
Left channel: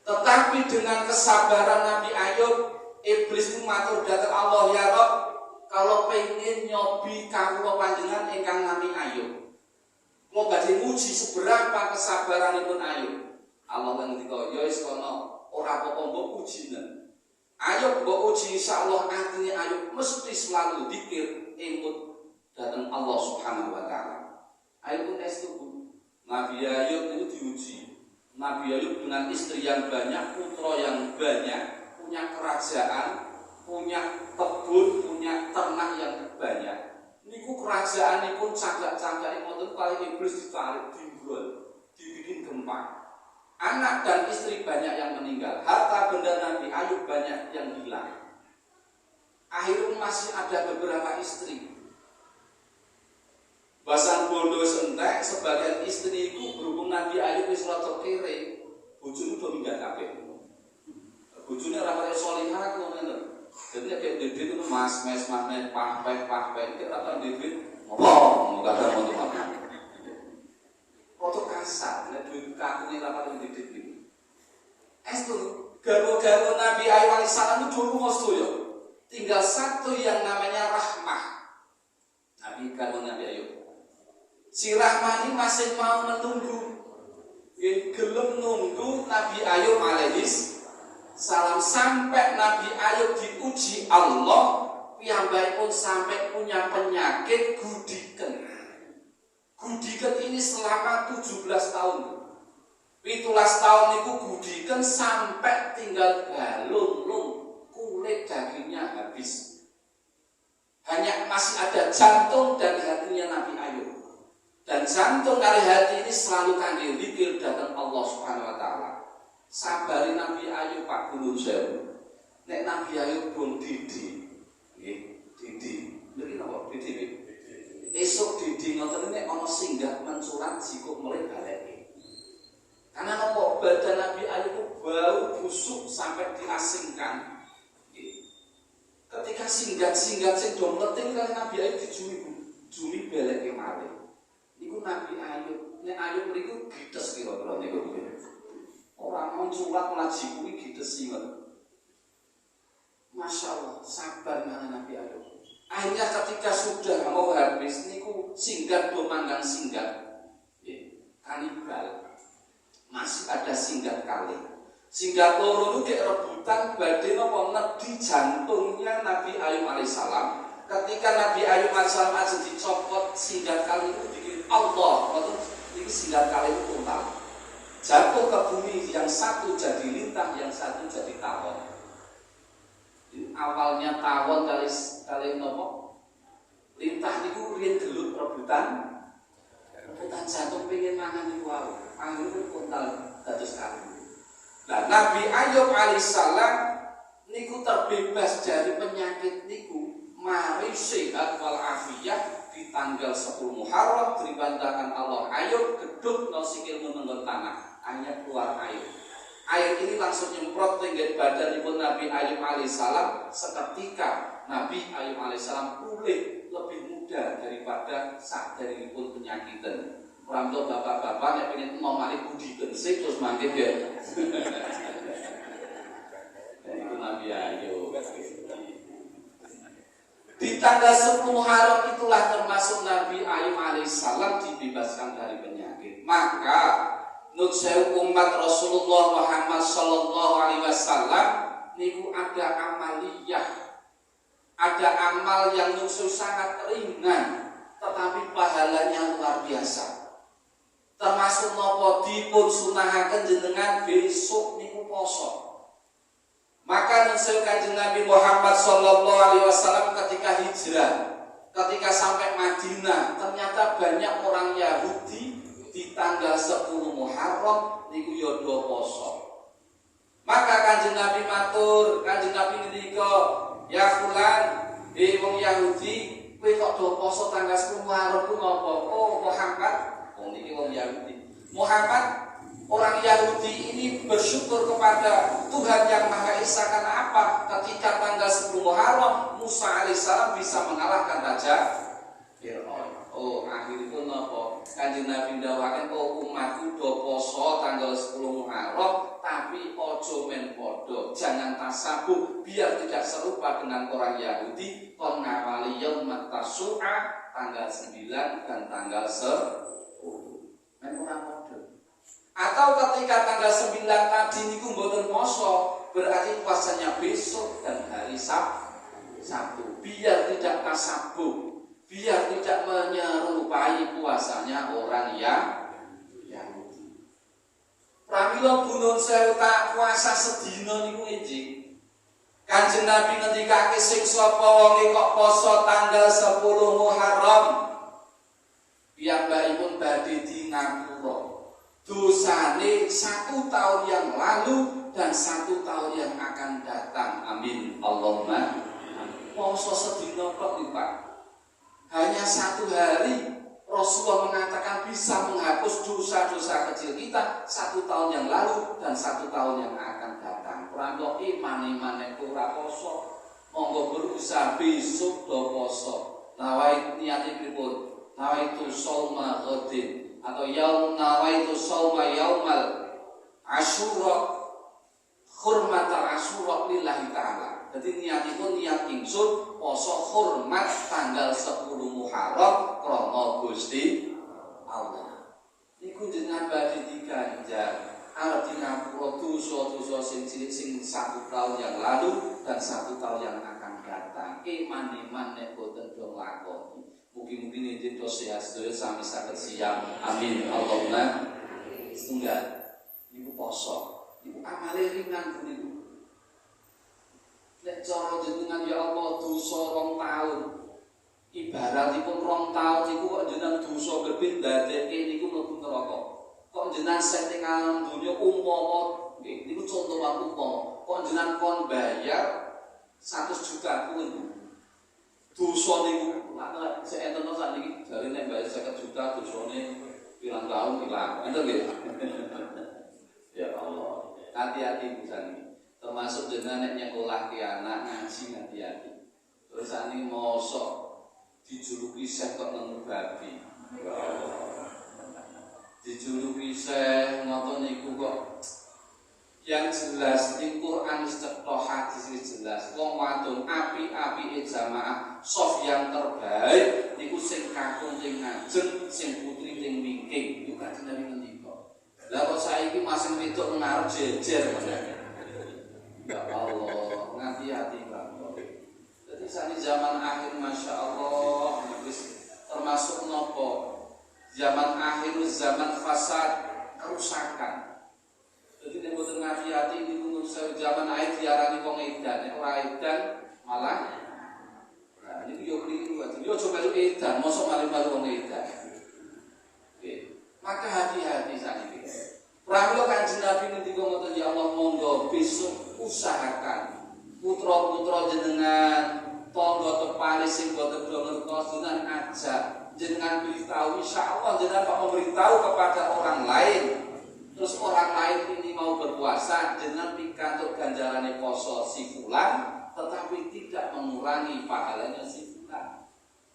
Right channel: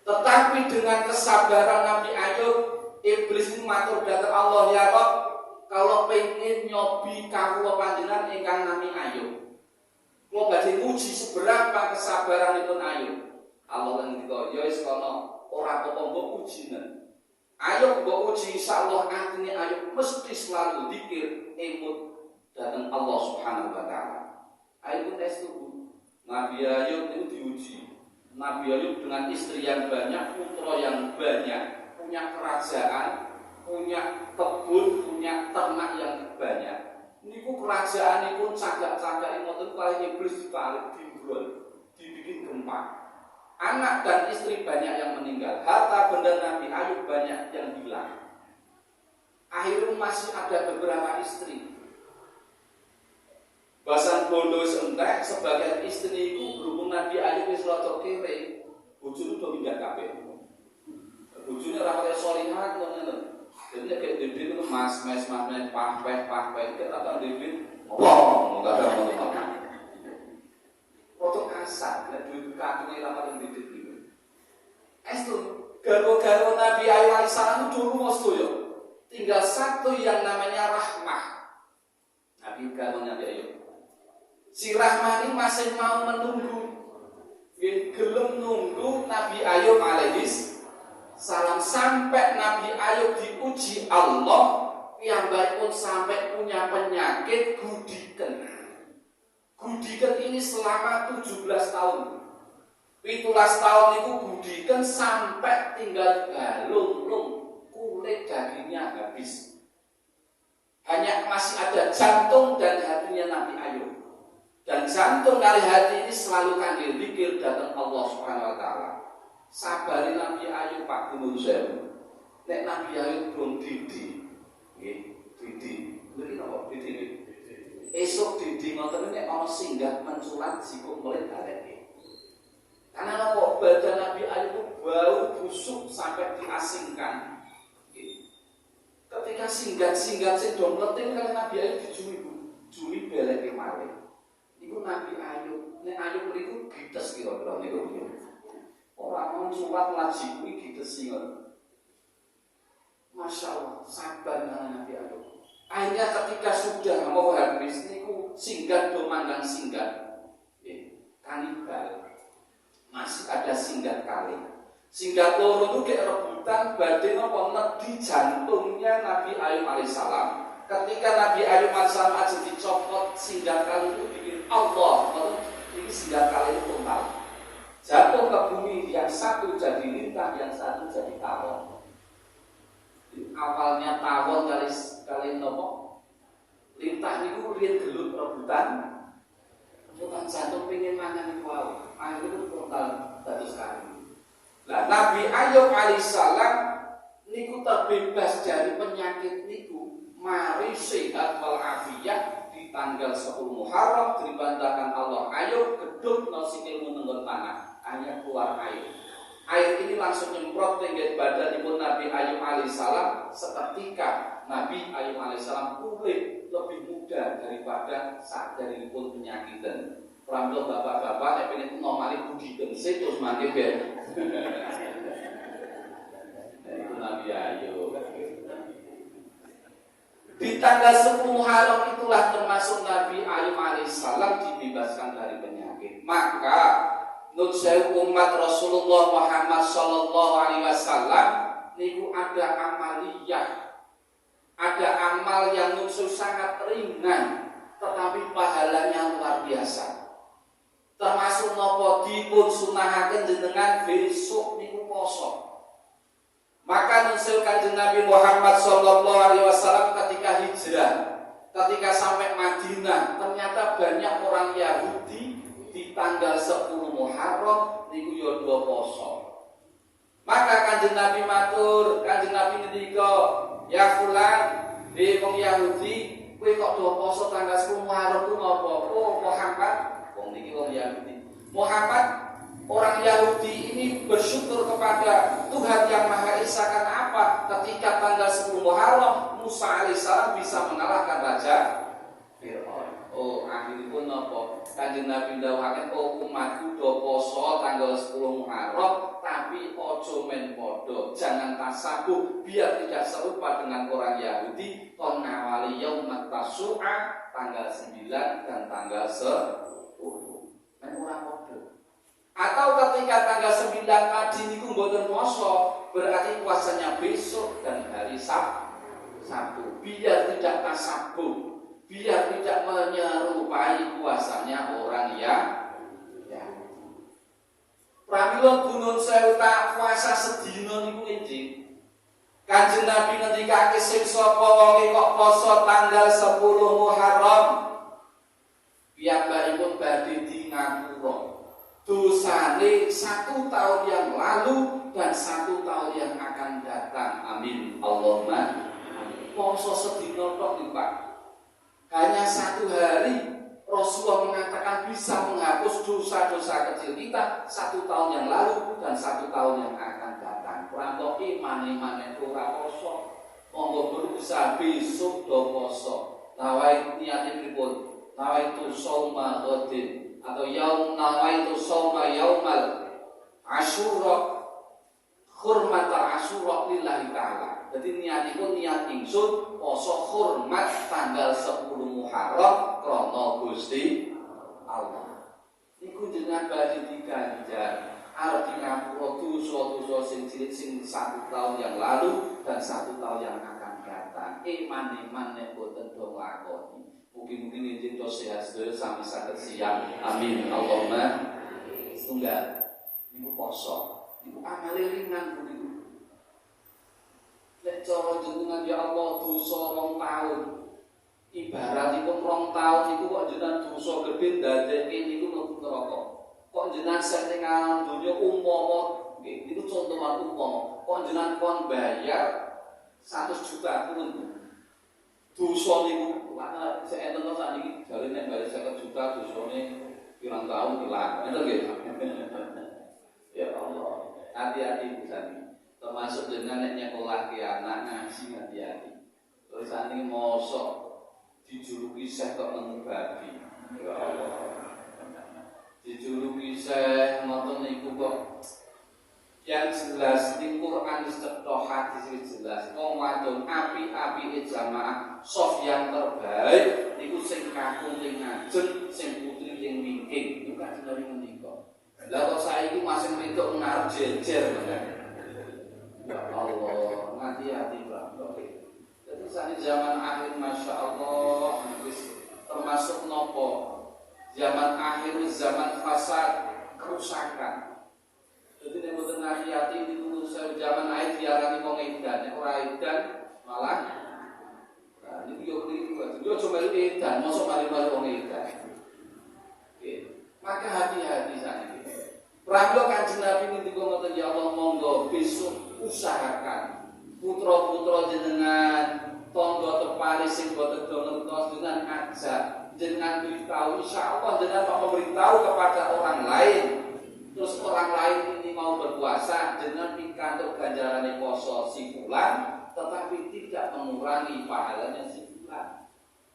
Tetapi dengan kesabaran Nabi Ayub, iblis itu matur dhateng Allah, ya Rabb, kalau pengen nyobi kawula panjenengan ingkang nami Ayub, kula badhe nguji seberapa kesabaranipun Ayub. Allah lan ngendika, ya wis kono, ora apa-apa mbok ujine. Ayub mbok uji, insyaallah atine Ayub mesti selalu dzikir emut dhateng Allah Subhanahu wa taala. Ayub pun tes tubuh. Nabi Ayub itu diuji. Nabi Ayub dengan istri yang banyak, putra yang banyak, punya kerajaan, punya kebun, punya ternak yang banyak. Niku kerajaan pun cagak-cagak ngoten kali iblis ditarik, dimbrol, dibikin gempa. Anak dan istri banyak yang meninggal, harta benda Nabi Ayub banyak yang hilang. Akhirnya masih ada beberapa istri. Basan bondo sentek sebagian istri itu berhubung Nabi Ayub wis rada kere, bojone do minggat kabeh. Bojone ora kaya salihah kok ngoten. Jadi nek dhewe itu mas pahpeh nek rata dhewe apa kadang ngono. Foto kasar nek duwe kakune ra karo dhewe iki. Estu garwa-garwa Nabi Ayub alaihissalam itu dulu sedaya. Tinggal satu yang namanya Rahmah. Nabi garwa Nabi Ayub. Si Rahman ini masih mau menunggu, gelem nunggu Nabi Ayub alaihissalam sampai Nabi Ayub diuji Allah, yang baik pun sampai punya penyakit gudiken. Gudiken ini selama 17 tahun. 17 tahun itu gudiken sampai tinggal galung, kulit dagingnya habis. Hanya masih ada jantung dan hatinya Nabi Ayub. Dan jantung kali hati ini selalu kangge zikir dhateng Allah Subhanahu wa taala. Sabari Nabi Ayub Pak Gunung Sewu. Nek Nabi Ayub belum didi. Nggih, didi. Niki napa didi? Esuk didi ngoten nek ana singgah menculat jiko mulai baleke. Karena apa? Badan Nabi Ayub itu bau busuk sampai diasingkan. Nggih. Ketika singgat-singgat sing do mleting kan Nabi Ayub dijumi beleke malih. Iku Nabi Ayub, nek Ayub mriku gites kira-kira niku. Ora menculat ngaji kuwi gites singet. Masya Allah, sabar Nabi Ayub. Akhirnya ketika sudah mau habis niku singgat do manggang singgat. Kanibal. Masih ada singgat kali. Singgat loro niku rebutan badhe napa nedi jantungnya Nabi Ayub alaihissalam. Ketika Nabi Ayub alaihissalam aja dicopot singgat kali itu bikin Allah, ini singgat kali itu total jatuh ke bumi, yang satu jadi lintah, yang satu jadi tawon. Awalnya tawon kali nopo lintah itu riyen gelut rebutan jantung pengen mangan iku wae. Akhirnya total dados kali. Nah, Nabi Ayub alaihissalam niku terbebas dari penyakit niku, mari sehat wal afiyah di tanggal 10 Muharram dibantahkan Allah Ayub gedung no sikil menenggon tanah hanya keluar air. Air ini langsung nyemprot tinggi badanipun Nabi Ayub alaihissalam. Seketika Nabi Ayub alaihissalam pulih lebih mudah daripada saat daripun penyakitan. Orang tua bapak-bapak nek pengen nomali budi gensik terus mangke ya. Itu Nabi Ayub. Di tanggal 10 Muharram itulah termasuk Nabi Ayub alaihissalam dibebaskan dari penyakit. Maka nun sewu umat Rasulullah Muhammad sallallahu alaihi wasallam niku ada amaliyah, ada amal yang musuh sangat ringan tetapi pahalanya luar biasa. Termasuk nopo dipun sunahaken jenengan besok niku poso. Maka nun Kanjeng Nabi Muhammad sallallahu alaihi wasallam ketika hijrah, ketika sampai Madinah, ternyata banyak orang Yahudi di tanggal 10 Muharram niku yo do poso. Maka Kanjeng Nabi matur, Kanjeng Nabi ngendika, "Ya fulan, wong Yahudi, kowe kok do poso tanggal 10 Muharram ku ngopo?" "Oh, Muhammad, wong niki wong Yahudi. Muhammad, orang Yahudi ini bersyukur kepada Tuhan Yang Maha Esa karena apa? Ketika tanggal 10 Muharram Musa alaihissalam bisa mengalahkan Raja Fir'aun." Oh, akhiripun napa? Kanjeng Nabi ndawaken, "Oh, umatku do poso tanggal 10 Muharram, tapi ojo men podo, jangan tasabuh biar tidak serupa dengan orang Yahudi kon ngawali yaum tasu'a tanggal 9 dan tanggal 10. Men ora podo. Atau ketika tanggal 9 tadi niku mboten poso, berarti puasanya besok dan hari Sabtu. Biar tidak tasabuh, biar tidak menyerupai puasanya orang Yahudi. Pramila bunun sewu tak puasa sedina niku injing. Kanjeng Nabi ngendikake sing sapa wong kok poso tanggal 10 Muharram, piyambakipun badhe di ngapura dosane 1 tahun yang lalu dan 1 tahun yang akan datang. Amin. Allahumma. Poso sedina kok Pak. Hanya 1 hari Rasulullah mengatakan bisa menghapus dosa-dosa kecil kita 1 tahun yang lalu dan 1 tahun yang akan datang. Pranto iman ora poso. Monggo berusaha besok do poso. Nawai niate pripun? Nawaitu shauma ghadin atau nawaitu shauma yaumal Asyura hurmatal Asyura lillahi ta'ala. Jadi niatipun niat ingsun poso hormat tanggal 10 Muharram krana Gusti Allah. Niku jenengan badhe diganjar arep di ngapura dosa-dosa sing cilik sing 1 tahun yang lalu dan 1 tahun yang akan datang. Iman nek boten do nglakoni. Mugi-mugi njenengan to sehat sedaya sami saged siam. Amin. Allahumma. Setunggal niku poso. Niku amale ringan niku. Nek cara jenengan ya Allah dosa 2 tahun. Ibaratipun 2 tahun niku kok jenengan dosa gedhe dadeke niku mlebu neraka. Kok jenengan setengah dunya umpama nggih niku contoh umpama. Kok jenengan kon bayar 100 juta pun dosa niku ana sing enten sakniki jare nek bayar 50 juta dosane pirang tahun ilang. Ngoten nggih. Ya Allah, hati-hati pisan. Termasuk jenengan nek nyekolah ki anak ngaji hati-hati. Terus ane mosok dijuluki syekh kok nemu babi. Dijuluki syekh ngoten niku kok yang jelas di Quran cetha hadis jelas wong wadon api-api jamaah sof yang terbaik niku sing kakung sing ngajeng sing putri sing wingking niku kan jenenge ngendika. Lah kok saiki masing wedok ngarep jejer. Ya Allah, hati-hati Pak. Jadi saat zaman akhir Masya Allah termasuk nopo zaman akhir, zaman fasad, kerusakan. Jadi nek mboten hati-hati ditunggu zaman akhir diarani wong edan, nek ora edan malah nah ini yo kliru berarti yo coba edan, mosok mari-mari wong edan. Oke. Maka hati-hati sakniki. Pramila Kanjeng Nabi ngendika ngoten ya Allah monggo besok usahakan putra-putra jenengan tangga tepare sing boten ngertos jenengan ajak jenengan beritahu insyaallah jenengan kok memberitahu kepada orang lain terus orang lain ini mau berpuasa dengan pikantuk ganjarane poso si fulan, tetapi tidak mengurangi pahalanya si fulan.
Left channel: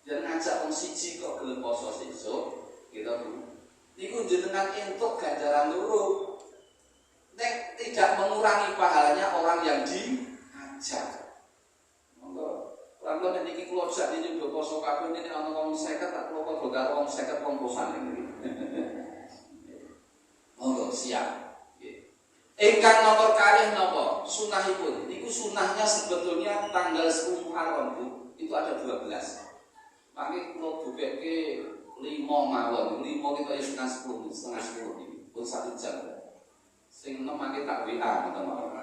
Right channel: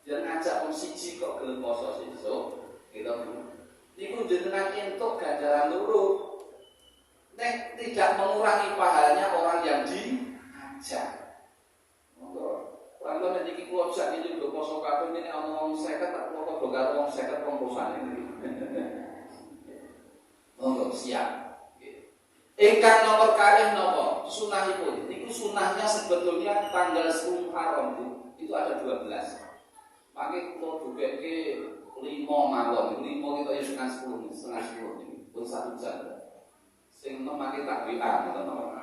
Dan ngajak wong siji kok gelem poso sesuk, gitu. Iku jenengan entuk ganjaran loro. Nek tidak mengurangi pahalanya orang yang diajak. Monggo, lan nek iki kula sak iki do poso kabeh nek ana wong 50 tak kula padha karo wong 50 romposan iki. Monggo siap. Ingkang nomor kalih napa? Sunahipun. Niku sunahnya sebetulnya tanggal 10 Muharram itu ada 12. Mangke kula duwekke 5 mawon. 5 kita ya setengah 10 niki. Pun 1 jam. Sing enom mangke tak WA ngoten mawon.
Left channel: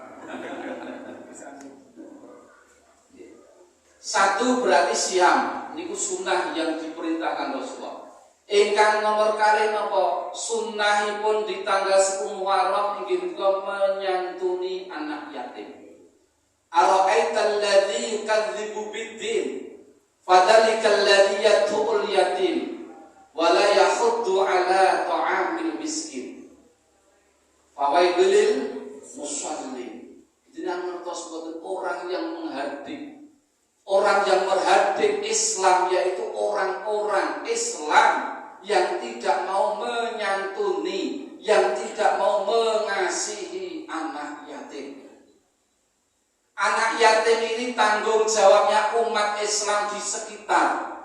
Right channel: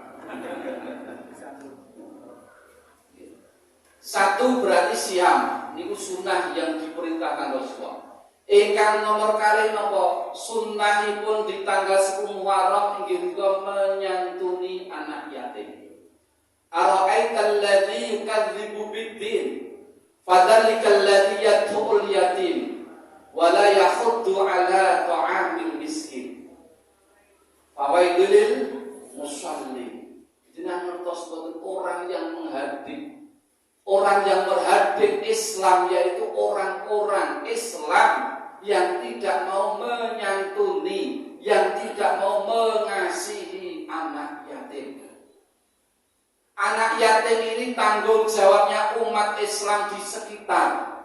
Satu berarti siam. Niku sunah yang diperintahkan Rasulullah. Ingkang nomor kalih napa sunnahipun di tanggal 10 Muharram inggih punika menyantuni anak yatim. Ara'aital ladzi yukadzibu bid-din fadzalikal ladzi yad'ul yatim wa la yakhuddu ala ta'amil miskin. Fawailul lil musallin. Jenengan ngertos boten orang yang menghadik, orang yang berhadik Islam yaitu orang-orang Islam yang tidak mau menyantuni, yang tidak mau mengasihi anak yatim. Anak yatim ini tanggung jawabnya umat Islam di sekitar.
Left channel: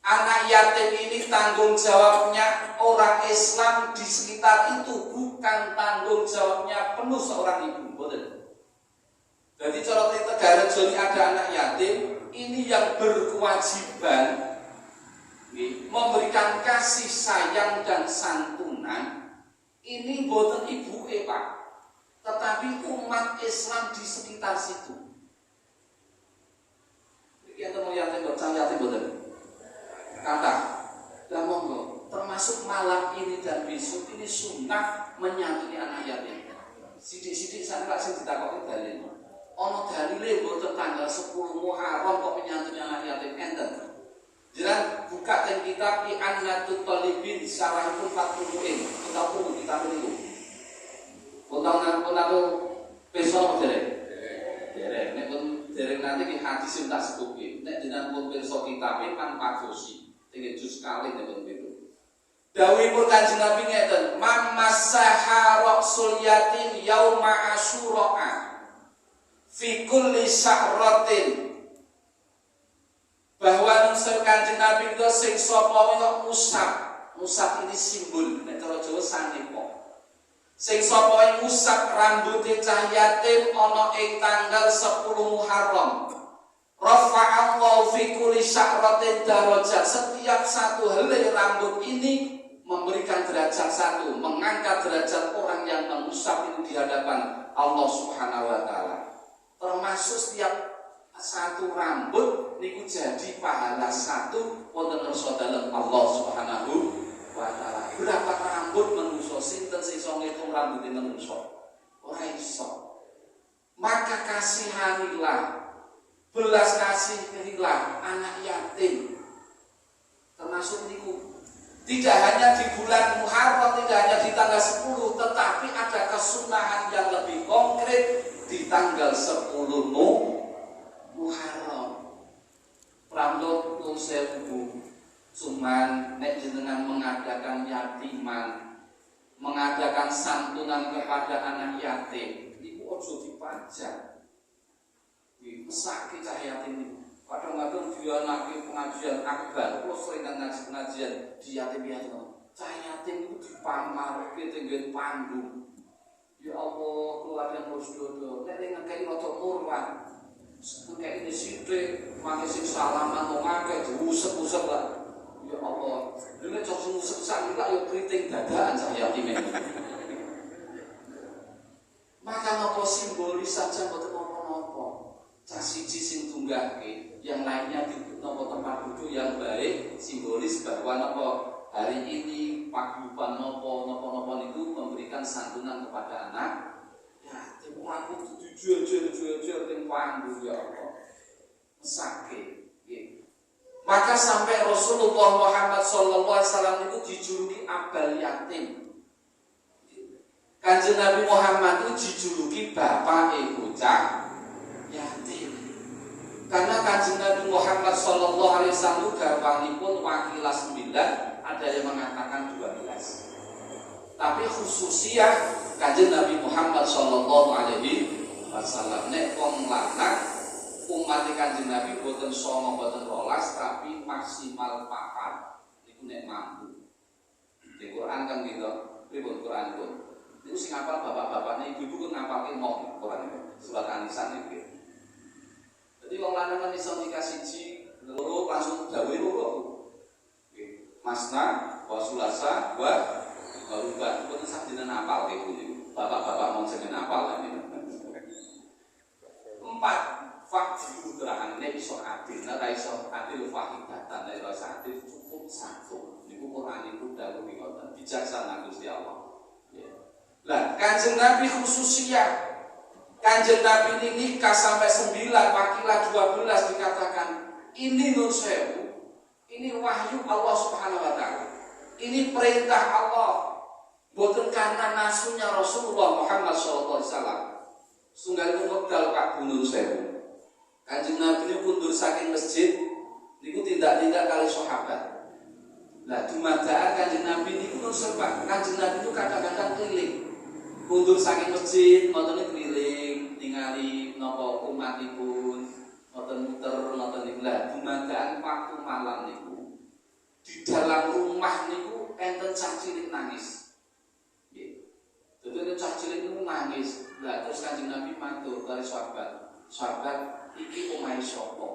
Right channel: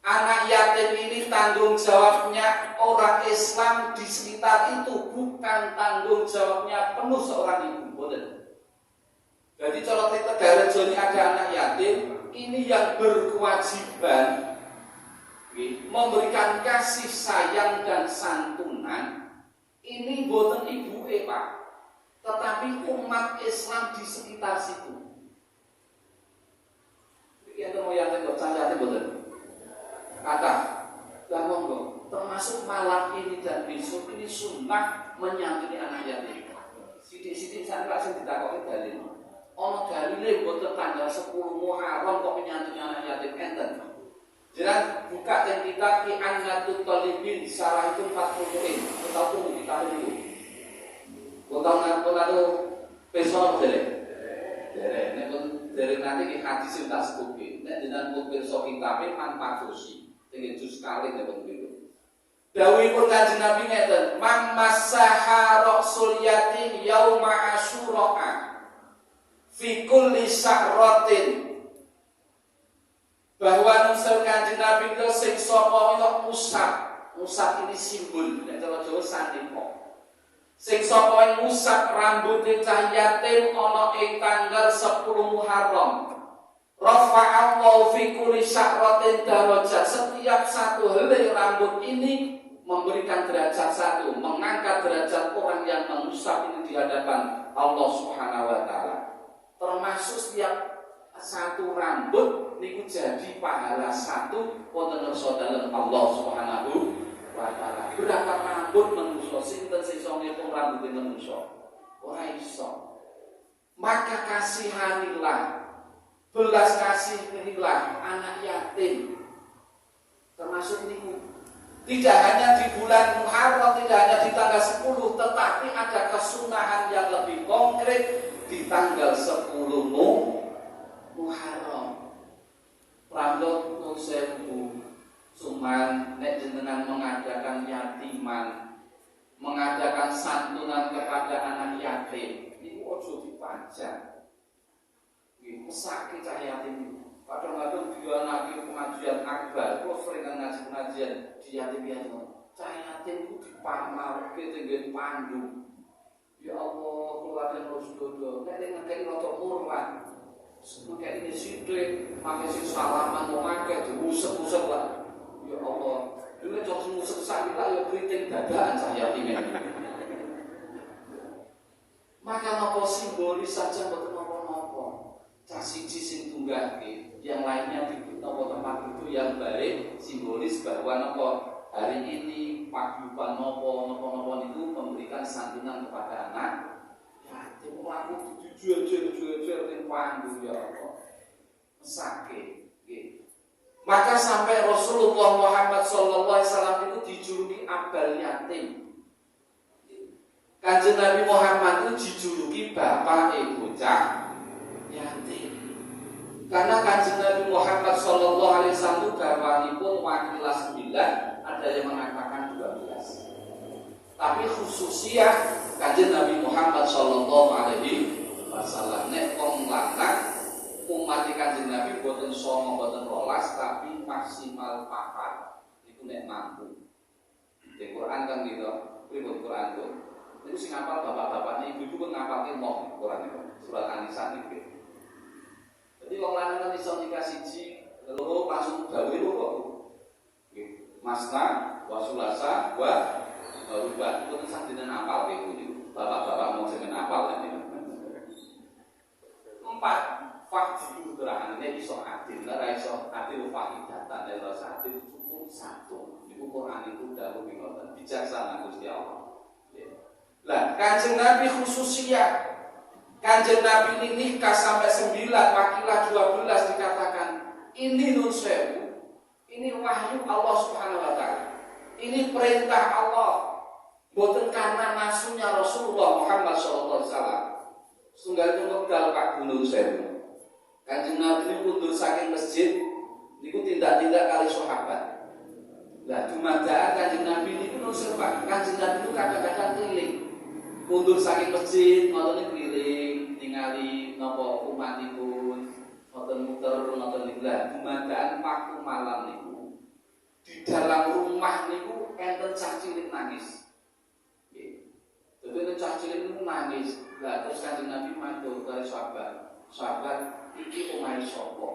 Anak yatim ini tanggung jawabnya orang Islam di sekitar itu, bukan tanggung jawabnya penuh seorang ibu. Betul. Jadi kalau kita daerah zoni ada anak yatim, ini yang berkewajiban memberikan kasih sayang dan santunan. Ini bukan ibu Pak, tetapi umat Islam di sekitar situ. Iki enten mau yatim kok yatim betul. Kata, lah monggo, termasuk malam ini dan besok ini sunnah menyantuni anak yatim. Sidik-sidik sampai sing ditakoki dalil. Ono dalile mboten tanggal 10 Muharram kok menyantuni anak yatim enten. Jiran buka ten kitab I'anatut Talibin syarahipun Fathul Muin. Kita tunggu kitab niku. Utawa napa besok derek. Derek nek derek nanti di hadis sing tak sebutke. Nek jenengan pun pirsa kitabe An-Fadosi. Tinggal juz kali nek begitu. Dawuhipun Kanjeng Nabi ngeten, "Man massaha ra'sul yatim yauma Asyura fi kulli sya'ratin." Bahwa nungsur Kanjeng Nabi itu sing sapa kok musab. Musab ini simbol nek cara Jawa sandipa. Sing sapa musab rambuté cah yatim ana ing tanggal 10 Muharram. Rafa'allahu fi kulli sya'ratin darajat. Setiap satu helai rambut ini memberikan derajat satu, mengangkat derajat orang yang mengusap ini di hadapan Allah Subhanahu wa taala. Termasuk setiap satu rambut niku jadi pahala satu wonten ngarsa dalem Allah Subhanahu wa taala. Berapa rambut manusa sinten sing iso ngitung rambut manusa? Ora iso. Maka kasihanilah, belas kasihilah anak yatim. Termasuk niku tidak hanya di bulan Muharram, tidak hanya di tanggal 10, tetapi ada kesunahan yang lebih konkret di tanggal 10 Muharram. Pramila nuwun sewu, cuman nek jenengan mengadakan yatiman, mengadakan santunan kepada anak yatim, niku aja dipajak. Nggih, mesake cah yatim niku. Kadang-kadang dia nanti pengajian akbar, kok sering ngaji-ngajian di yatim-yatim. Cah yatim itu dipamarke tenggen panggung. Ya Allah, keluarga harus dodo. Nek ngekeki rada murlan. Kayak ini sidik, mami sing salaman mau ngake, diusep-usep lah. Ya Allah, ini cara usep sakit lah, ya keriting dadaan cah yatim ini. Maka nopo simbolis saja betul nopo-nopo. Cah siji sing tunggake, yang lainnya di nopo tempat duduk yang baik, simbolis bahwa nopo hari ini paguyuban nopo itu memberikan santunan kepada anak. Ya, aku dijual-jual ning panggung ya Allah. Mesake. Maka sampai Rasulullah Muhammad sallallahu alaihi wasallam itu dijuluki Abal Yatim. Kanjeng Nabi Muhammad itu dijuluki bapak bocah yatim. Karena Kanjeng Nabi Muhammad sallallahu alaihi wasallam garwanipun wakilah 9, ada yang mengatakan 12. Tapi khususnya Kanjeng Nabi Muhammad sallallahu alaihi wasallam nek wong lanang umat Kanjeng Nabi boten 9 boten 12 tapi maksimal 4 niku nek mampu. Di Quran kan gitu, pripun Quran itu. Niku sing ngapal bapak-bapakne ibu-ibu kan ngapalke mok Quran itu, surat An-Nisa niku. Jadi wong lanang kan iso nikah siji, loro langsung dawuhe kok. Nggih. Masna wa sulasa wa ruba. Itu sak dina apal niku. Bapak-bapak mau jeneng apal kan niku. 4 fakti terakhirnya iso adil, nek iso adil wahidatan, nek iso adil cukup 1. Niku Quran itu dawuh ngoten, bijaksana Gusti Allah. Lah, Kanjeng Nabi khususnya Kanjeng Nabi ini nikah sampai 9, wakilah 12 dikatakan ini nur sewu, ini wahyu Allah Subhanahu wa taala. Ini perintah Allah. Boten karena nasunya Rasulullah Muhammad sallallahu alaihi wasallam. Sunggal wekdal Pak Gunung Sewu. Kanjeng Nabi ini mundur saking masjid niku tindak-tindak kali sahabat. Lah dumadakan Kanjeng Nabi niku nur serba. Kanjeng Nabi itu kadang-kadang keliling. Mundur saking masjid ngoten keliling ningali napa umatipun ngoten muter ngoten niku. Lah dumadakan waktu malam niku di dalam rumah niku enten cah cilik nangis. Nggih. Dadi cah cilik niku nangis. Lah terus Kanjeng Nabi matur kali sahabat. Sahabat iki omahe sapa?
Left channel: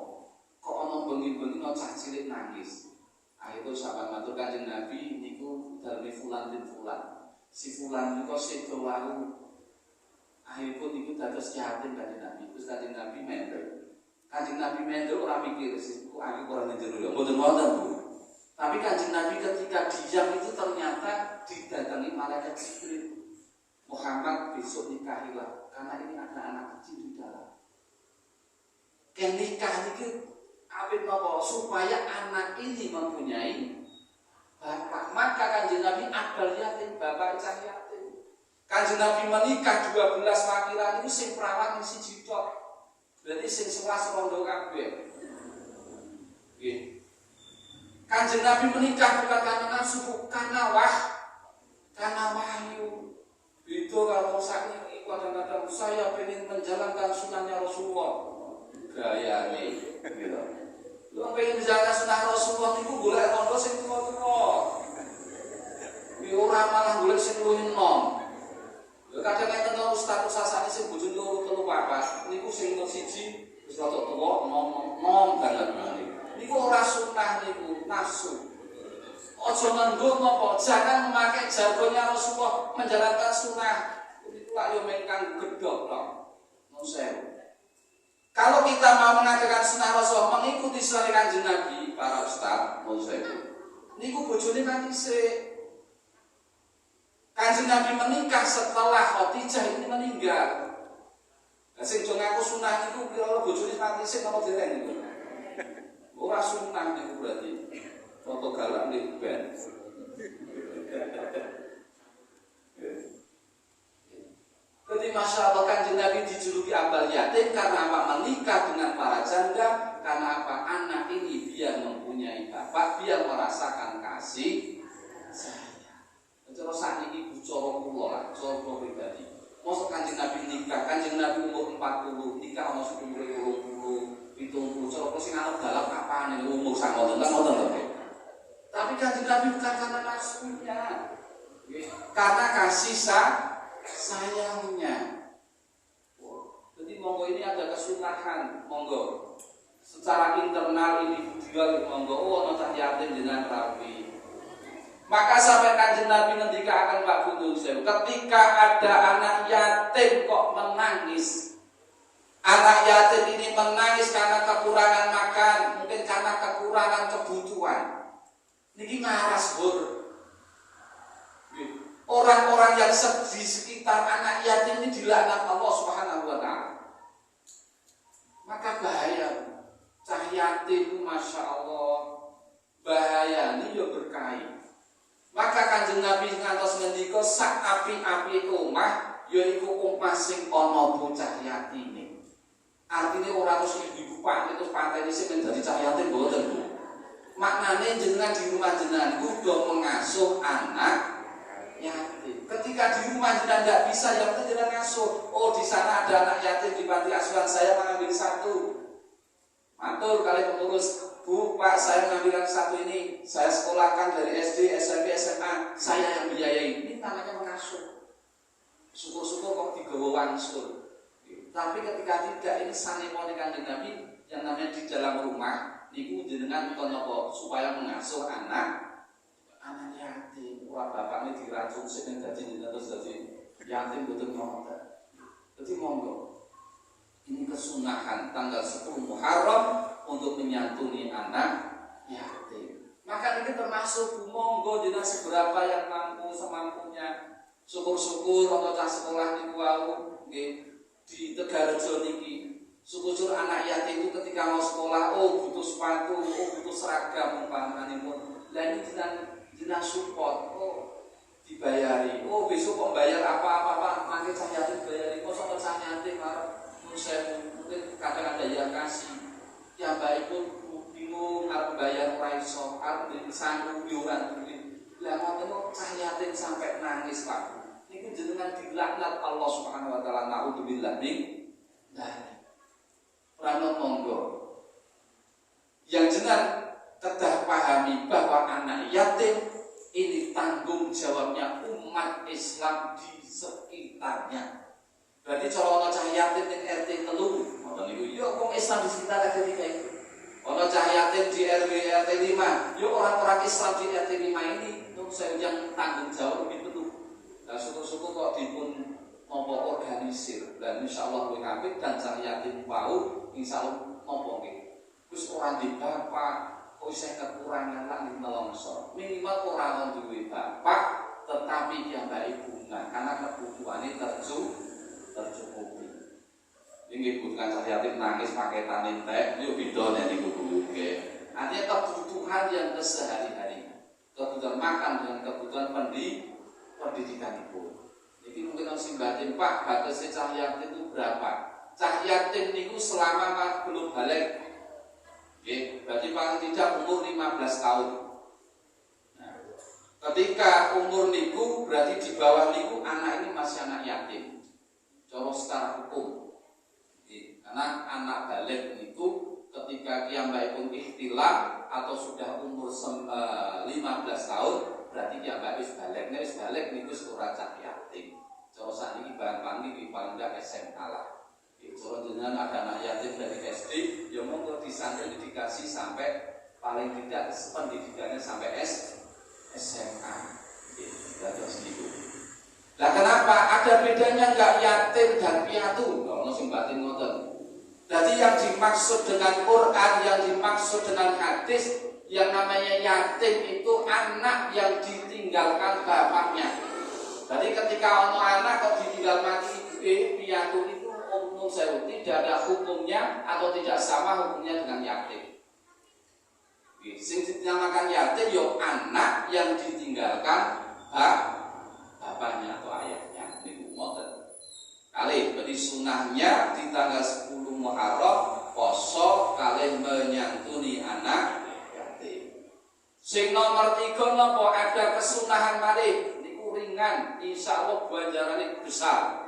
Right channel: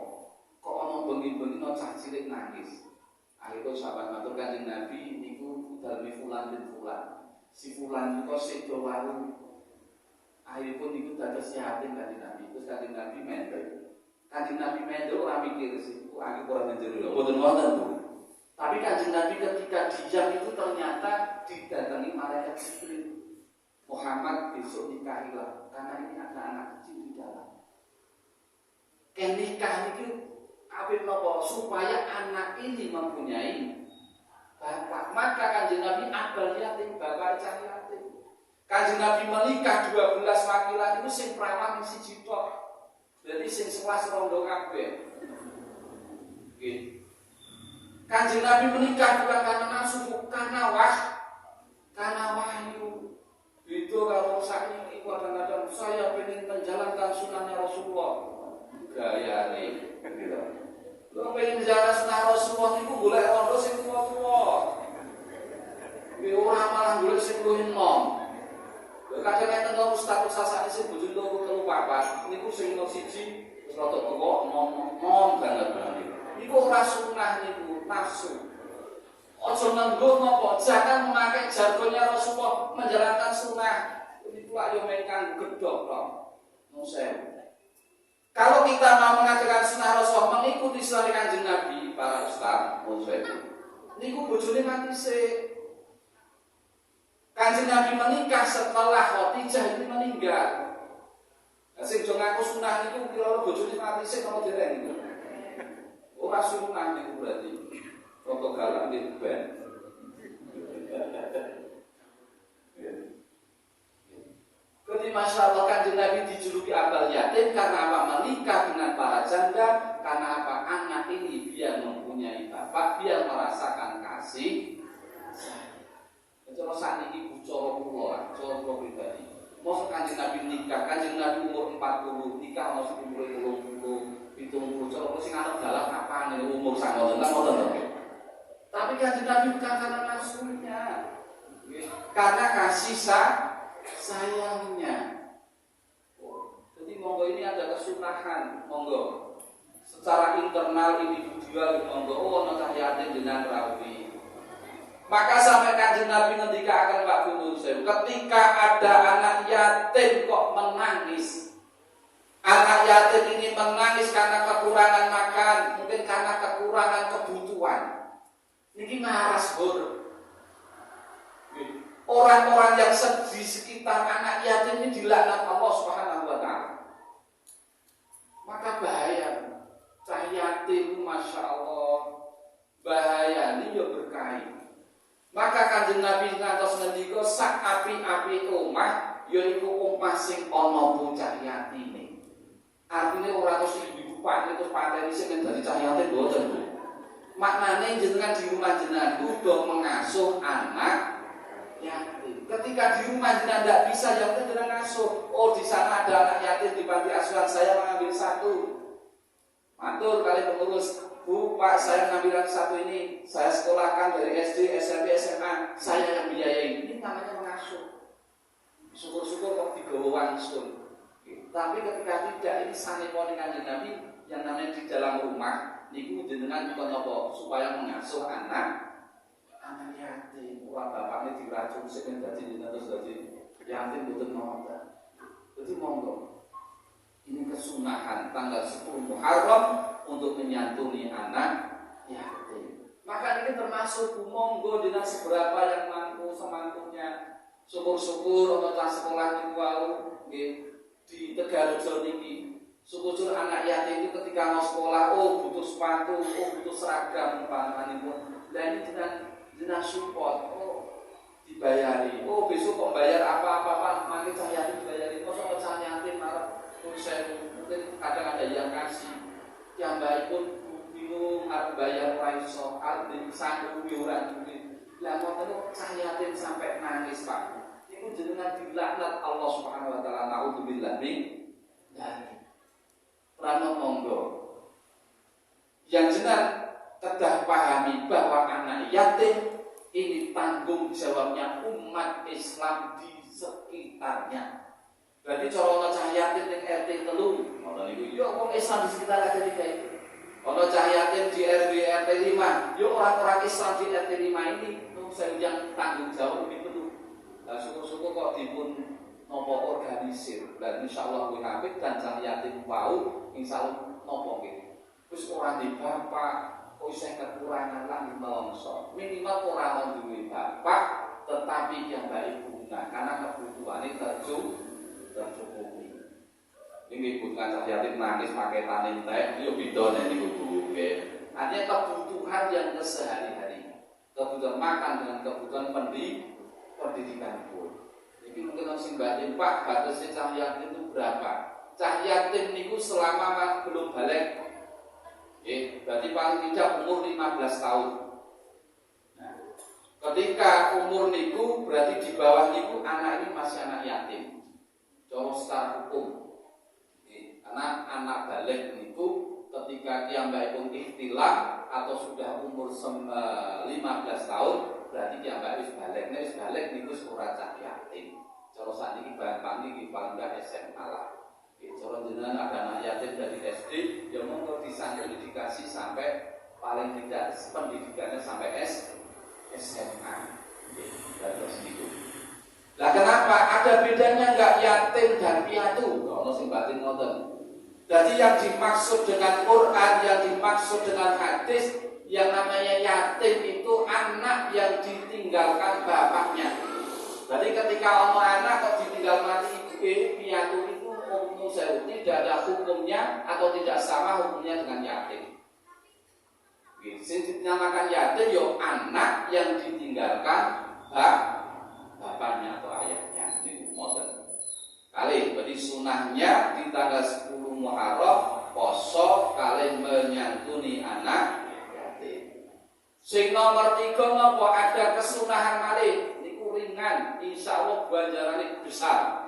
Kok ana bengi-bengi ana cah cilik nangis. Akhire sahabat matur Kanjeng Nabi niku daleme fulan bin fulan. Si fulan niku sedo wae. Akhiripun niku dados yatim Kanjeng Nabi. Terus Kanjeng Nabi mendel. Kanjeng Nabi mendel ora mikir kok aku ora menjero lho. Mboten wonten, Bu. Tapi Kanjeng Nabi ketika diam itu ternyata didatangi malaikat Jibril. Muhammad besok nikahilah karena ini ada anak kecil di dalam. Ken nikah itu apik napa supaya anak ini mempunyai bapak. Maka Kanjeng Nabi abal yatim, bapak cah yatim. Kanjeng Nabi menikah 12 wakilan itu sing perawan siji tok. Berarti sing 11 rondo kabeh. Nggih. Kanjeng Nabi menikah bukan karena nafsu, karena wahyu. Itu kalau sakit itu kadang-kadang saya ingin menjalankan sunnahnya Rasulullah. Gaya nih, gitu. Lu pengen menjalankan sunnah Rasulullah itu boleh rondo sing tua-tua. Orang malah boleh sing luwih enom. Kadang enten to ustaz sasane sing bojone loro telu papat, niku sing nomor 1 wis rada tuwa nom banget. Niku ora sunnah niku, nafsu. Ojo ngendut napa, jangan memakai jargonnya Rasulullah menjalankan sunnah. Itu ayo mengkang gedhok tok. Nusen. Kalau kita mau mengajarkan sunnah Rasulullah mengikuti sunnah Kanjeng Nabi para ustaz, nusen. Niku bojone mati sik. Kanjeng Nabi menikah setelah Khadijah ini meninggal. Lah sing do ngaku sunnah niku kira bojone mati sik apa dereng niku. Ora sunnah niku berarti. Foto galak di band. Jadi Masya Allah Kanjeng Nabi dijuluki abal yatim karena apa? Menikah dengan para janda. Karena apa? Anak ini dia mempunyai bapak, dia merasakan kasih sayang. Kalau saat ini bucoro kula, bucoro pribadi. Mau Kanjeng Nabi nikah, Kanjeng Nabi umur 40, nikah masuk umur 20, 70. Kalau sing anak dalam apa nih umur sangoten, kan ngoten to. Tapi Kanjeng Nabi bukan karena nafsunya, karena kasih sayangnya. Jadi monggo ini ada kesunahan, monggo. Secara internal individual monggo, nota yatim dengan rawi. Maka sampai Kanjeng Nabi ketika akan Pak Gunung Sewu, ketika ada anak yatim kok menangis. Anak yatim ini menangis karena kekurangan makan, mungkin karena kekurangan kebutuhan. Niki ngaras hur. Orang-orang yang di sekitar anak yatim ini dilaknat Allah Subhanahu wa taala. Maka bahaya. Cah yatim Masya Allah bahaya ini ya berkait. Maka Kanjeng Nabi ngantos ngendika sak api-api omah yaiku omah sing ana bocah yatime. Artine ora terus ibu-ibu Pak itu pateni sing dadi cah yatim mboten, Bu. Maknane jenengan di rumah jenengan itu udah mengasuh anak yatim. Ketika di rumah jenengan tidak bisa, ya udah jenengan ngasuh. Oh, di sana ada anak yatim di panti asuhan, saya mengambil satu. Matur kali pengurus, Bu, Pak, saya mengambil yang satu ini. Saya sekolahkan dari SD, SMP, SMA, saya yang biayai. Ini namanya mengasuh. Syukur-syukur kok digawa wangsul. Tapi ketika tidak, ini sanepone Kanjeng Nabi yang namanya di dalam rumah. Niku jenengan napa supaya mengasuh anak yatim. Wah, bapaknya diracun sing dadi jenengan terus dadi yatim boten ngoten. Jadi monggo. Ini kesunahan tanggal 10 Muharram untuk menyantuni anak yatim. Maka ini termasuk monggo jenengan seberapa yang mampu semampunya. Syukur-syukur ana cah sekolah niku wau nggih di Tegalrejo niki. Syukur anak yatim itu ketika mau sekolah, oh butuh sepatu, oh butuh seragam umpamanya. Lah ini jenang support, oh dibayari, oh besok kok bayar apa-apa, makin cah yatim bayari, kok cah yatim marah, mungkin kadang ada yang kasih, yang baik pun bingung harus bayar raiso, harus disanggup diuran duit. Lah mau tengok cah yatim sampai nangis Pak, itu jenengan dilaknat Allah Subhanahu Wa Taala. Naudzubillah min dzalik. Rano monggo yang jenar kedah pahami bahwa anak yatim ini tanggung jawabnya umat Islam di sekitarnya. Berarti cara ana cah yatim ning RT 3 ngoten niku yo wong Islam di sekitar RT 3 itu. Ana cah yatim di RW RT 5, yo orang-orang Islam di RT 5 ini saya yang tanggung jawab lebih penuh. Nah, syukur-syukur kok dipun nopo organisir dan insyaallah kuwi apik dan cah yatim wau insyaallah nopo nggih. Wis ora di bapak, kok isih kekurangan lan melongso. Minimal ora ono duwe bapak tetapi yang baik bunga karena kebutuhane tercukupi. Ini bukan cah yatim nangis pakai tanin teh, yo beda nek niku Bu nggih. Artinya kebutuhan yang kesehari-hari. Kebutuhan makan dan kebutuhan pendidikan pun. Jadi mungkin masih batin Pak, batasnya cah yatim itu berapa? Cah yatim niku selama belum balik, berarti paling tidak umur 15 tahun. Nah, ketika umur niku berarti di bawah niku anak ini masih anak yatim. Cara secara hukum, karena anak balik niku ketika kiambaipun ikhtilam atau sudah umur 15 tahun, berarti kiambai wis balik. Nek wis balik niku ora cah yatim. Cara sakniki bang niki paling ndak SMA lah. Cara jenengan ada anak yatim dari SD, ya monggo disantuni dikasih sampai paling tidak pendidikannya sampai SMA. Terus gitu. Lah kenapa ada bedanya enggak yatim dan piatu? Ono sing batin ngoten. Jadi yang dimaksud dengan Quran, yang dimaksud dengan hadis, yang namanya yatim itu anak yang ditinggalkan bapaknya. Jadi ketika anak kok ditinggal mati piatu itu umum saya tidak ada hukumnya atau tidak sama hukumnya dengan yatim. Sing dinamakan yatim yo anak yang ditinggalkan bapaknya atau ayahnya. Ini model. Kali berarti sunahnya di tanggal 10 Muharram poso kalian menyantuni anak yatim. Sing nomor 3 napa ada kesunahan malih ringan, insya Allah ganjarannya besar.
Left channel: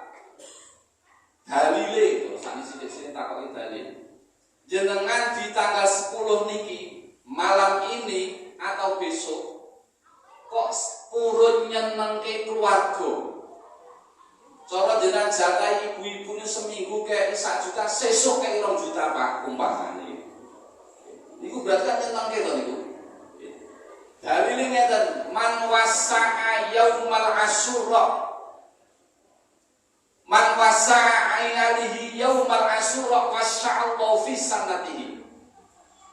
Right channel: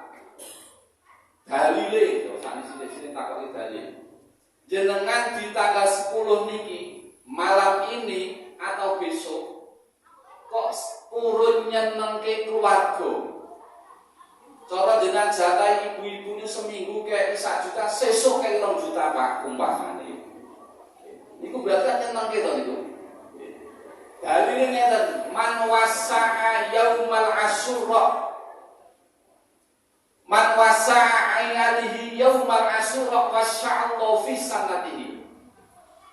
Dalile, sani sini takoki dalil. Jenengan di tanggal 10 niki malam ini atau besok kok purun nyenengke keluarga. Cara jenengan jatah ibu-ibu ini seminggu kayak 1 juta, sesuk kayak 2 juta Pak umpamane. Niku berarti kan nyenengke to niku. Dalile ngeten, man wasa'a yaumal asyura. Man wasa'a alihi yaumal asyura wasya'allahu fi sanatihi.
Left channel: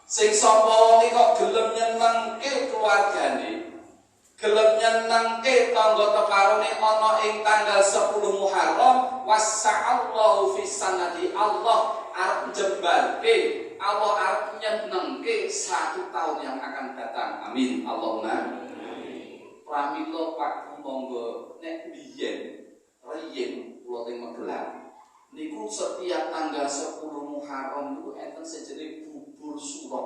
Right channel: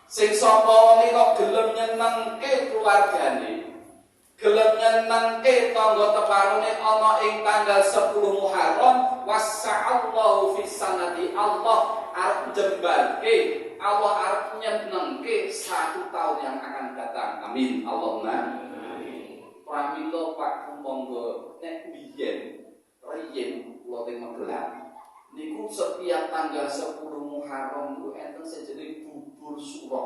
Sing sapa wong kok gelem nyenengke keluargane, gelem nyenengke tangga teparone ana ing tanggal 10 Muharram, wasya'allahu fi sanatihi. Allah arep jembarke, Allah arep nyenengke 1 tahun yang akan datang. Amin. Allahumma amin. pramila Pak monggo nek biyen riyen kula teng Magelang niku setiap tanggal 10 Muharram niku enten sejenis bubur suro.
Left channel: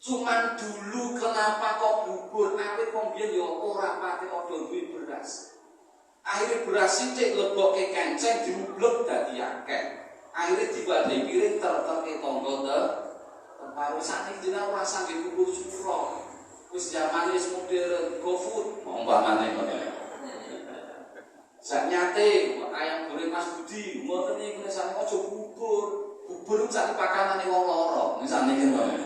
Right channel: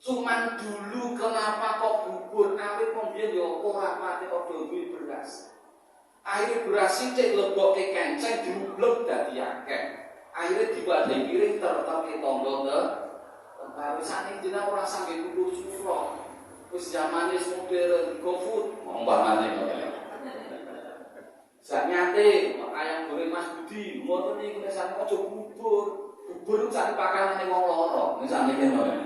Cuman dulu kenapa kok bubur akhir pembiyen ya ora pati ada duwe beras. Akhirnya beras sithik lebokke kenceng diublek dadi akeh. Akhirnya diwadhi piring terterke tangga terus sakniki jeneng ora sampe bubur suro. Wis zamane wis modern, GoFood, umpamane ngoten. Sak nyate ayam goreng Mas Budi, ngoten niku nek sampe aja bubur. Bubur sak pakanane wong loro, sakniki ngoten.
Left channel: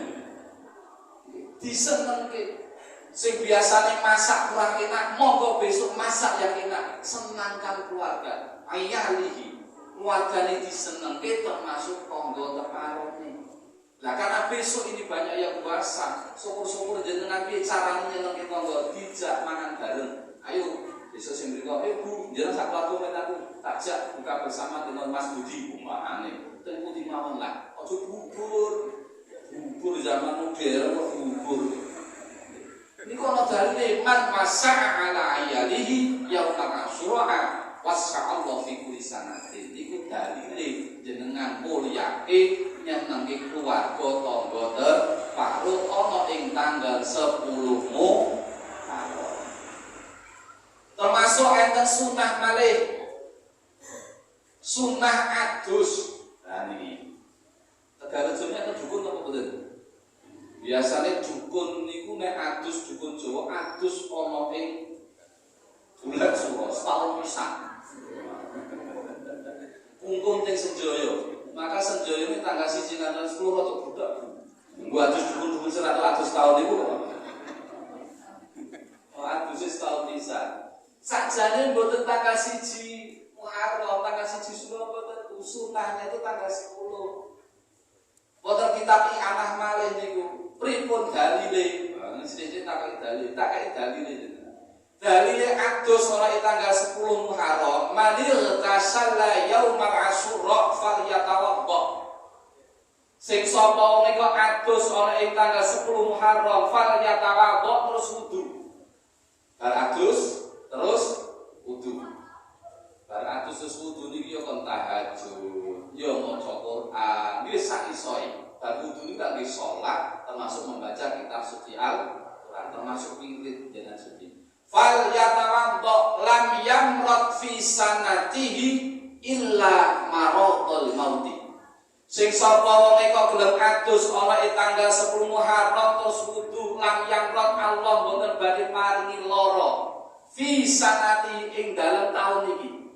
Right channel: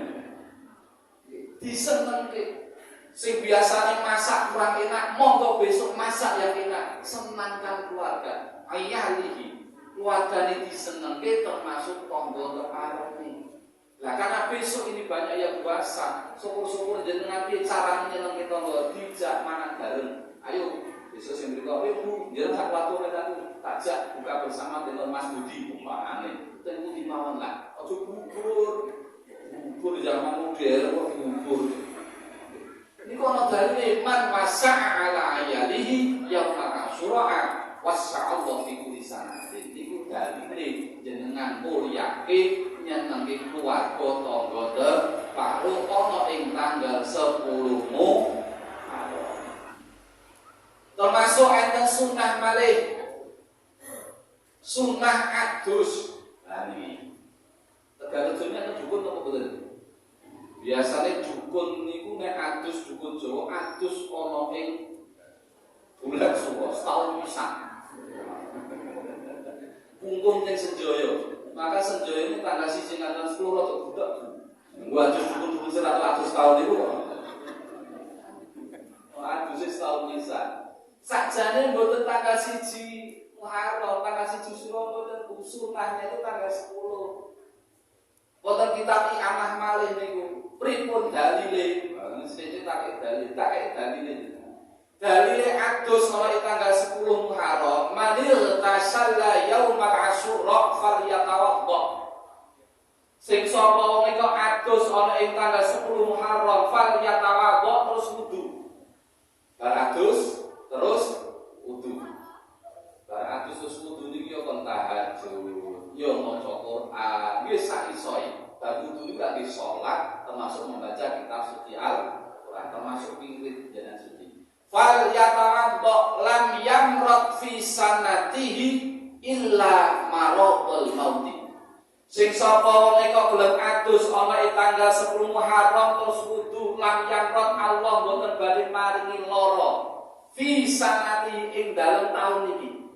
Disenengke. Sing biasanya masak kurang enak, monggo besok masak yang enak. Senangkan keluarga. Ayalihi. Keluarga ini disenengke termasuk tangga teparone. Nah karena besok ini banyak yang puasa, syukur-syukur jenengan piye carane nyenengke tangga dijak mangan bareng. Ayo besok sing mriko Bu, jenengan sak watu aku takjak buka bersama dengan Mas Budi umpamane. Ten pundi mawon lah. Aja bubur. Bubur zaman modern kok bubur. Niku ana dalile man masa'a ala ayalihi yaumul asyura wasya'allahu fi kulli sanatin. Niku dalile jenengan mulyake nyenengi keluarga tangga teparuh ana ing tanggal 10 Muharram. Termasuk enten sunah malih. Sunah adus. Lah niki. Tegarejone enten dukun apa mboten? Biasane dukun niku nek adus dukun Jawa adus ana ing bulan suro setahun pisan. Punggung teng Senjaya. Maka Senjaya ini tanggal 1 tanggal 10 rada budak. Nggo adus dukun-dukun 100 tahun niku. Oh adus setahun pisan. Sakjane mboten tanggal 1 Muharram, tanggal 1 Suro mboten sunahnya itu tanggal 10. Mboten kitab I'anah malih niku. Pripun dalile? Sithik tak dalile jenengan. Dalile adus ana tanggal 10 Muharram, manil tasalla yaumal asyura falyatawadda. Sing sapa nika adus ana ing tanggal 10 Muharram falyatawadda terus wudu. Bar adus terus wudu. Bar adus terus wudu niki yo kon tahajud, yo maca Quran, wis sak isoe. Bar wudu niki tak salat termasuk membaca kitab suci Al-Quran, termasuk wirid jenengan suci. Fal yatawadda lam yamrat fi sanatihi illa maradul mauti. Sing sapa nika gelem adus ana ing tanggal 10 Muharram terus wudu lam yamrat Allah mboten badhe maringi lara fi sanati ing dalem taun niki.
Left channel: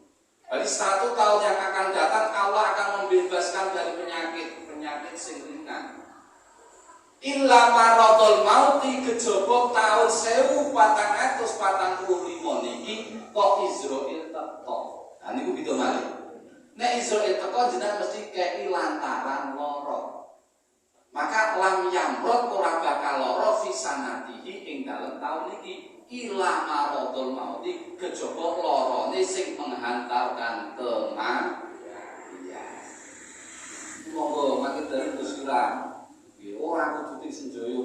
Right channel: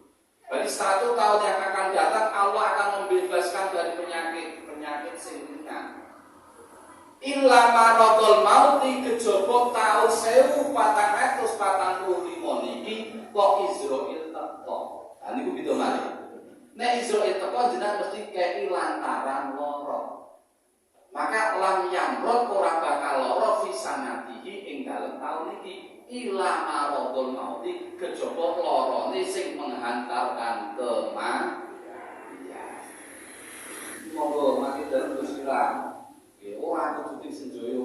Berarti 100 tahun yang akan datang Allah akan membebaskan dari penyakit sing ringan. Illa maradul mauti kejaba taun 1445 niki kok Israil teko. Nah niku pitu malih. Nek Israil teko jenengan mesti kei lantaran lara. Maka lam yamrot ora bakal lara fi sanatihi ing dalem taun niki. Illa maradul mauti kejaba larane sing menghantarkan kematian. Monggo mati dalem Gusti Allah. Orang kudu Senjaya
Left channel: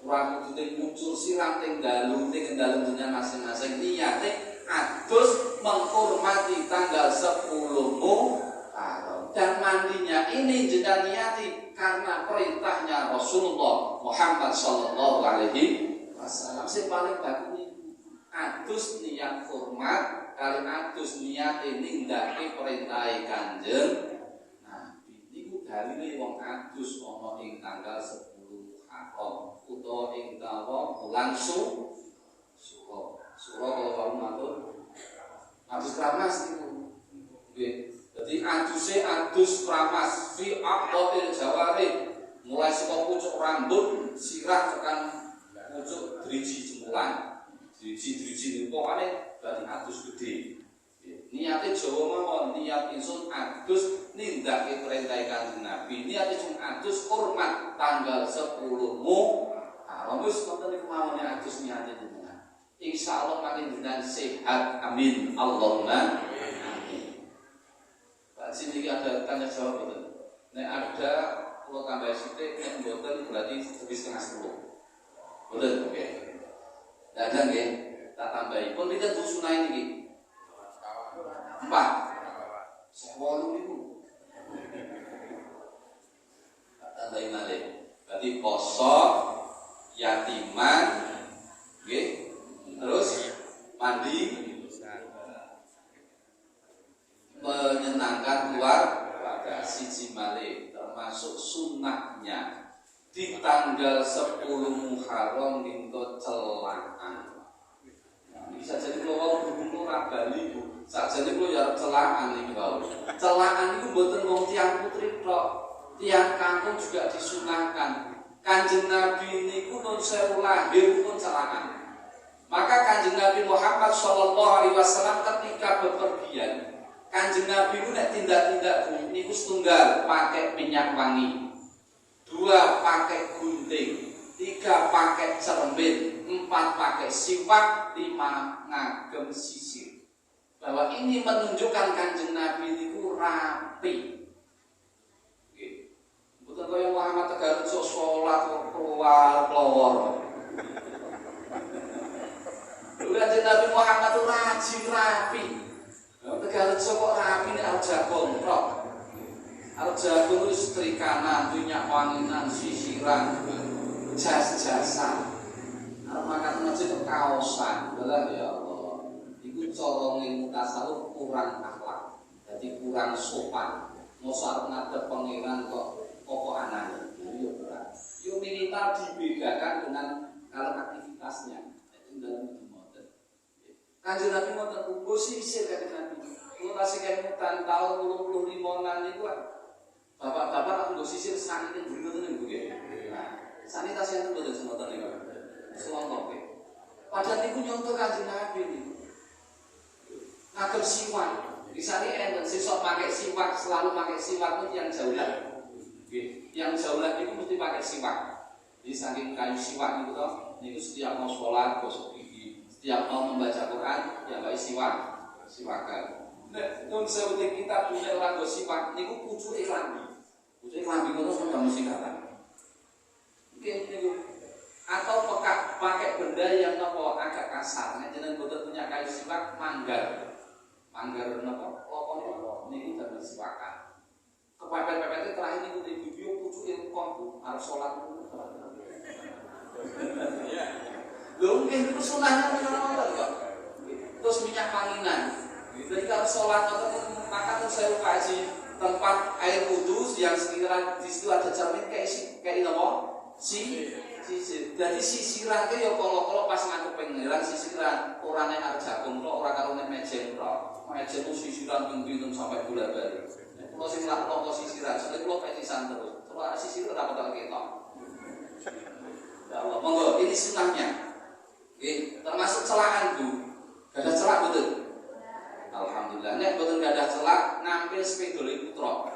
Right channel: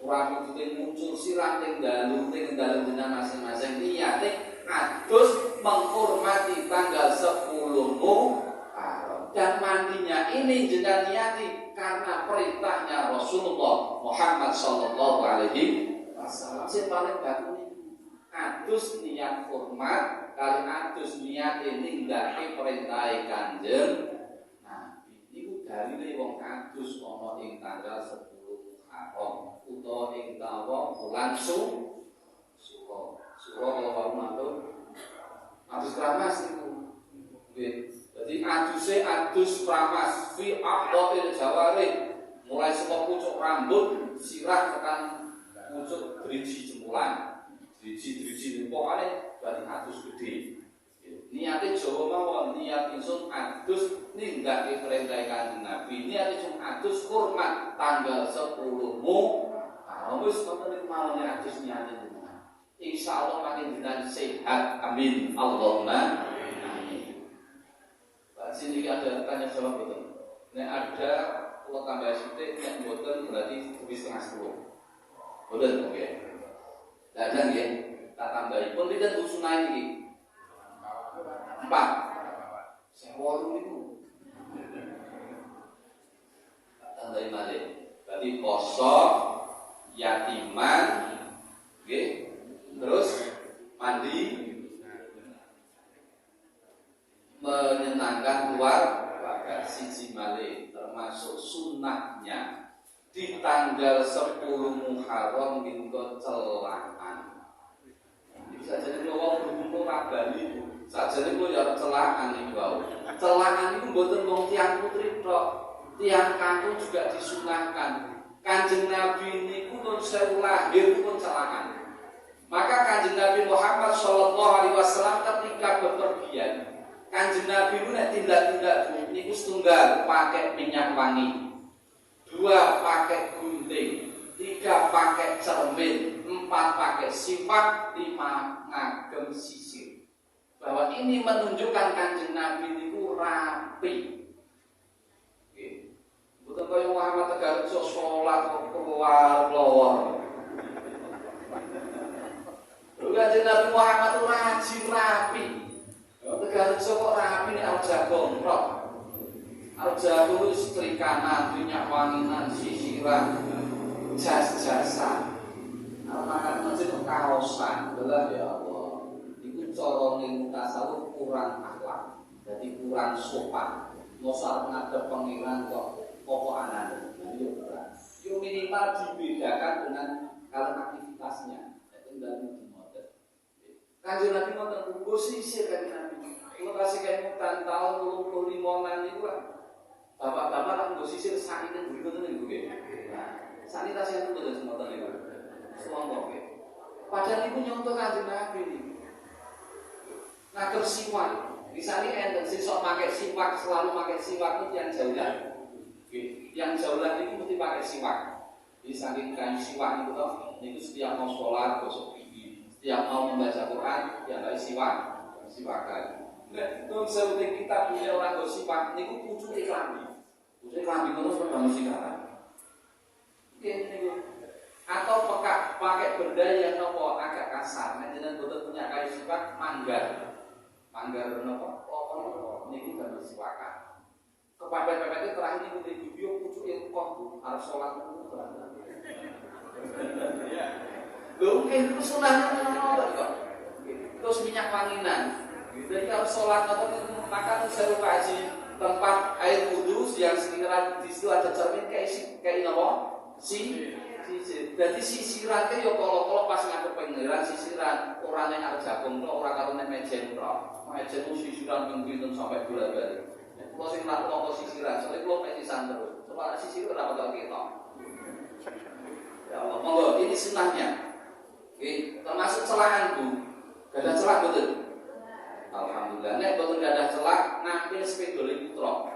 orang kudu muncul sirah teng dalu teng dalem jenengan masing-masing niate adus menghormati tanggal 10 Muharram dan mandinya ini jenengan niati karena perintahnya Rasulullah Muhammad sallallahu alaihi wasallam. Sing paling bagus adus niat hormat kali adus niat nindakake perintah Kanjeng. Dalile wong adus ana ing tanggal 10 Muharram utawa ing tawa bulan Suro. Suro kalau wau matur adus kramas niku. Nggih. Dadi aduse adus kramas fi aqdil jawari mulai saka pucuk rambut sirah tekan pucuk driji jempulan. Driji pokokane berarti adus gede. Niate Jawa mawon niat ingsun adus nindakake perintah Kanjeng Nabi. Niat ingsun adus hormat tanggal 10 Muharram. Wis ngoten niku mawon adus niate jenengan. Insyaallah panjenengan sehat. Amin. Allahumma amin. Pak sini ada tanya jawab betul. Nek ada kalau tambah sithik nek mboten berarti lebih setengah 10. Betul oke. Dadang nggih, tak tambahi. Pun pinten Bu sunah niki? 4. Sewolu niku. Tak tambahi malih. Berarti poso, yatiman, nggih. Terus mandi, menyenangkan keluarga, siji malih termasuk sunnahnya di tanggal 10 Muharram niku celakan. Bisa jadi kalau berhubung ora bali Bu, sajane kula ya celakan niku. Celakan niku mboten wong tiyang putri tok, tiyang kakung juga disunahkan. Kanjeng Nabi niku nun sewu lahir pun celakan. Maka Kanjeng Nabi Muhammad sallallahu alaihi wasallam ketika bepergian, Kanjeng Nabi itu nek tindak-tindak niku setunggal pakai minyak wangi, 2 pakai gunting, 3 pakai cermin, 4 pakai sipak, 5 ngagem sisir. Bahwa ini menunjukkan Kanjeng Nabi itu rapi. Betul kaya Muhammad Tegarjo sholat keluar. Kanjeng Nabi Muhammad itu rajin rapi. Tegarjo kok rapi nek arep jagung tok. Arep jagung wis trikanan, minyak wanginan, sisiran, jas-jasan. Arep makan masjid kaosan. Belah ya Allah. Iku cara ning tasawuf kurang akhlak. Jadi kurang sopan. Mosok arep ngadep pangeran kok pokok anane. Yo ora. Yo minimal dibedakan dengan kalau aktivitasnya. Tinggal ngoten. Kanjeng Nabi ngoten ugo sisir kanjeng Nabi. Kalau kasih kemutan tahun 25 niku kan bapak-bapak kan nggo sisir sakine buri ngoten niku nggih. Nah, sanitasi enten mboten semoten niku. Semongko nggih. Padahal niku nyontoh Kanjeng Nabi niku. Ngagem siwak. Misale enten sesuk pakai siwak, selalu pakai siwak itu yang jaulah. Nggih, yang jaulah niku mesti pakai siwak. Jadi saking kayu siwak niku to, niku setiap mau sholat gosok gigi, setiap mau membaca Quran ya pakai siwakan. Nek nun sebutin kita punya orang gosip niku pucuke klambi. Pucuke klambi ngono kok mesti kata. Mungkin niku atau pakai benda yang nopo agak kasar. Nek jenengan boten punya kayu siwak manggar. Manggar nopo? Lokon niku damel siwakan. Kepepet-pepete terakhir niku di video pucuke kok Bu arep salat niku. Lho mungkin itu sunahnya ngono kok. Terus minyak wanginan. Jadi kalau sholat atau maka saya kasih tempat air wudhu yang sekiranya di situ ada cermin kayak apa? Sisir. Jadi sisiran itu ya kalau pas ngadep pengiran sisiran orang yang harus jagung kok orang kalau nek mejen kok. Mejen itu sisiran ping-ping sampai bola-bali. Nek kula sing lak napa sisiran, soalnya kula pecisan terus. Coba sisir ora bakal ketok. Ya Allah, monggo ini sunahnya. Termasuk celaan Bu. Gak ada celak betul. Alhamdulillah, nek boten gadah celak nampil sepeda putra.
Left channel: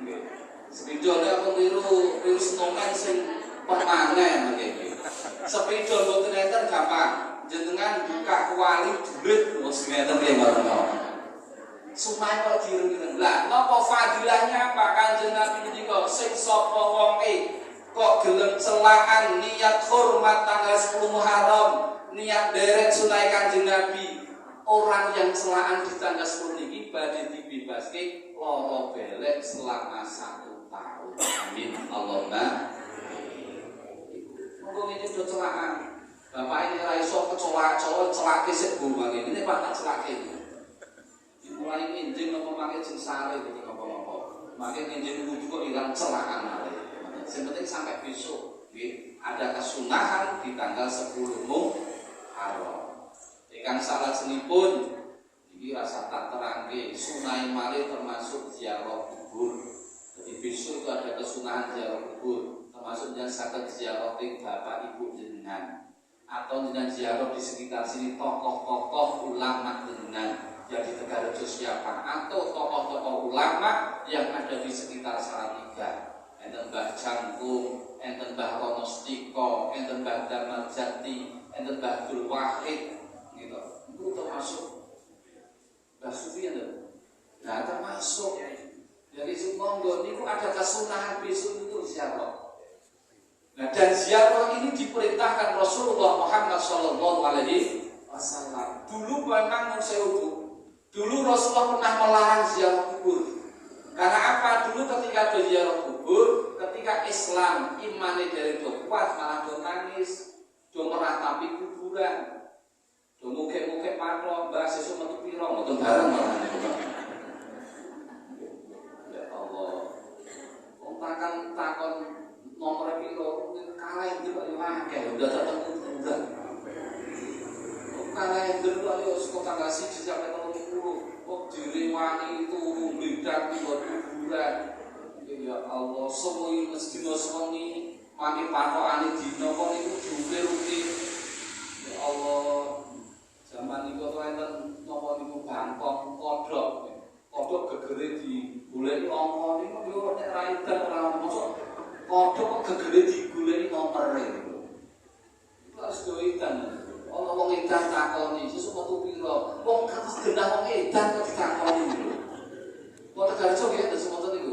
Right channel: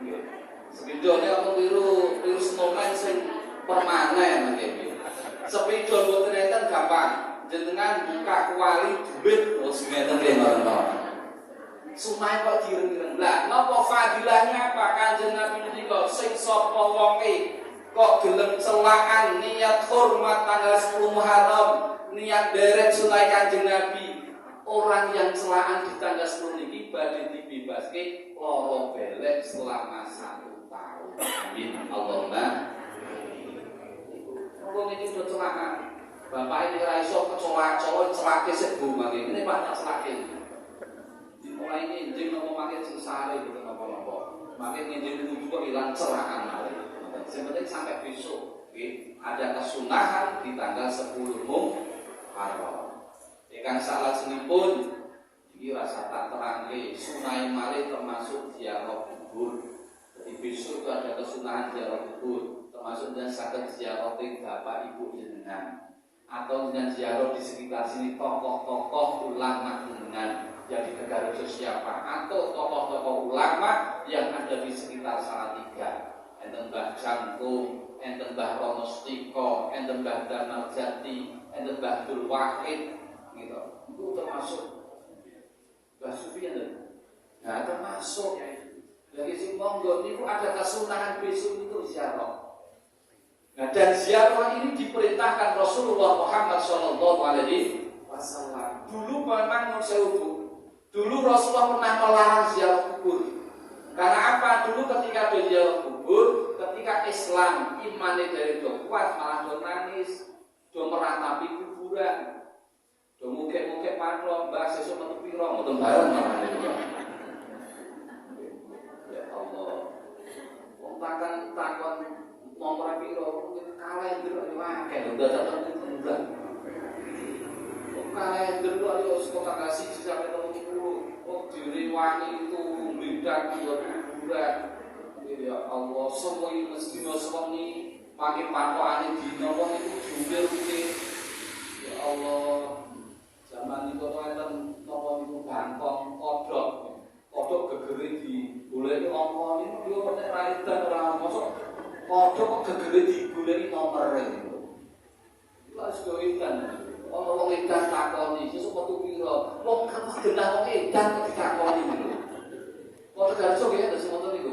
Nggih. Sepeda nek keliru snowman sing permanen nggih. Sepeda boten enten gampang. Jenengan buka kuali duit wis ngeten nggih mawon. Sunah kok direng-ireng. Lah napa fadilahnya apa Kanjeng Nabi menika sing sapa wonge kok gelem celakan niat hormat tanggal 10 Muharram, niat deret sunah Kanjeng Nabi. Orang yang celaan di tanggal 10 ini badhe dibebaske lara belek selama 1 tahun. Amin. Allahumma. Wong iki do celaan. Bapak ini ora iso kecolak-colok celake sik Bu mangke. Ini Pak tak celake. Dimulai nginjing nopo mangke sing sare gitu napa-napa. Mangke nginjing kudu kok ilang celaan male. Sing penting sampai besok nggih ada kesunahan di tanggal 10 Muharram. Ikan salat senipun iki rasa tak terangke sunah malih termasuk ziarah kubur. Jadi besok itu ada kesunahan ziarah kubur, termasuk yang saged ziarah bapak ibu jenengan atau dengan ziarah di sekitar sini tokoh-tokoh ulama jenengan. Jadi Tegarjo siapa atau tokoh-tokoh ulama yang ada di sekitar Salatiga. Enten Mbah Jangkung, enten Mbah Ronostiko, enten Mbah Darmal Jati, enten Mbah Abdul Wahid. Gitu. Itu termasuk Mbah Sufi nah termasuk jadi monggo niku ada kesunahan besok itu ziarah. Nah, dan ziarah ini diperintahkan Rasulullah Muhammad Shallallahu Alaihi Wasallam. Dulu memang dulu Rasulullah pernah melarang ziarah kubur. Karena apa? Dulu ketika ada ziarah kubur, ketika Islam imannya dari kuat malah do nangis, do meratapi kuburan, do mukek-mukek maklum, mbak sesuk metu piro, mboten bareng malah. Ya Allah. Wong takon nomor piro kalah yang dulu akeh udah datang kuburan. Kalah yang dulu ayo sekolah tanggal 1 sampai 30. Oh diriwani itu membedak buat kuburan. Ya Allah, semua ini mesti sewengi makin patokane dina wong iku diukir-ukir. Ya Allah, zaman niku enten napa niku bangkong kodhok. Kodhok gegere digoleki angka niku yo nek ra edan ora mosok kodhok gegere digoleki nomere niku. Wis do edan. Wong edan takoni, sesuk metu pira? Wong kertas genah wong edan kok ditakoni niku. Kok tergarso ya terus ngoten niku.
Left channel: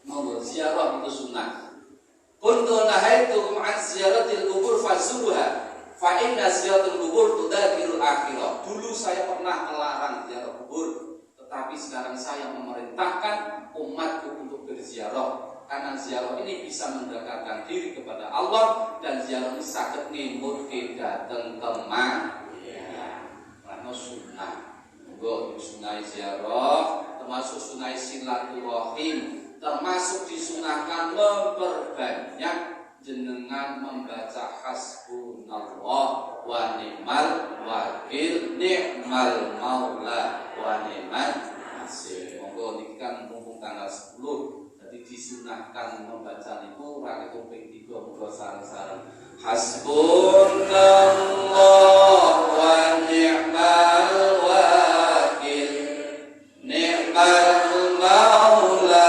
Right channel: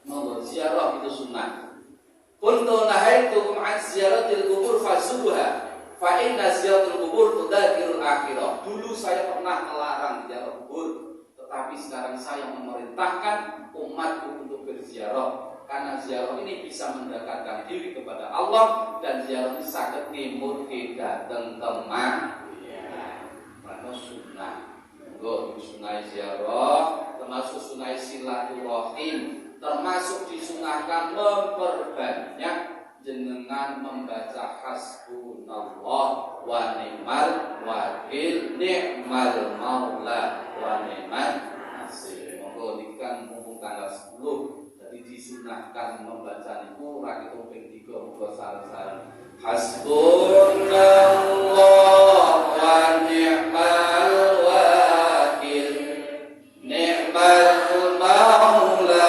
Monggo ziarah itu sunnah. Kuntu nahaitukum an ziyaratil kubur fazuha fa inna ziyaratul kubur tudakirul akhirah. Dulu saya pernah melarang ziarah kubur, tetapi sekarang saya memerintahkan umatku untuk berziarah. Karena ziarah ini bisa mendekatkan diri kepada Allah dan ziarah ini saged nimutke dhateng temah. Karena sunnah. Monggo sunah ziarah termasuk sunah silaturahim, termasuk disunahkan memperbanyak jenengan membaca hasbunallah wa ni'mal wakil, ni'mal maula wa ni'mal nasir. Monggo niki kan mumpung tanggal 10, jadi disunahkan membaca niku ra ketung ping 3 monggo sareng-sareng. Hasbunallah wa ni'mal wakil, ni'mal maula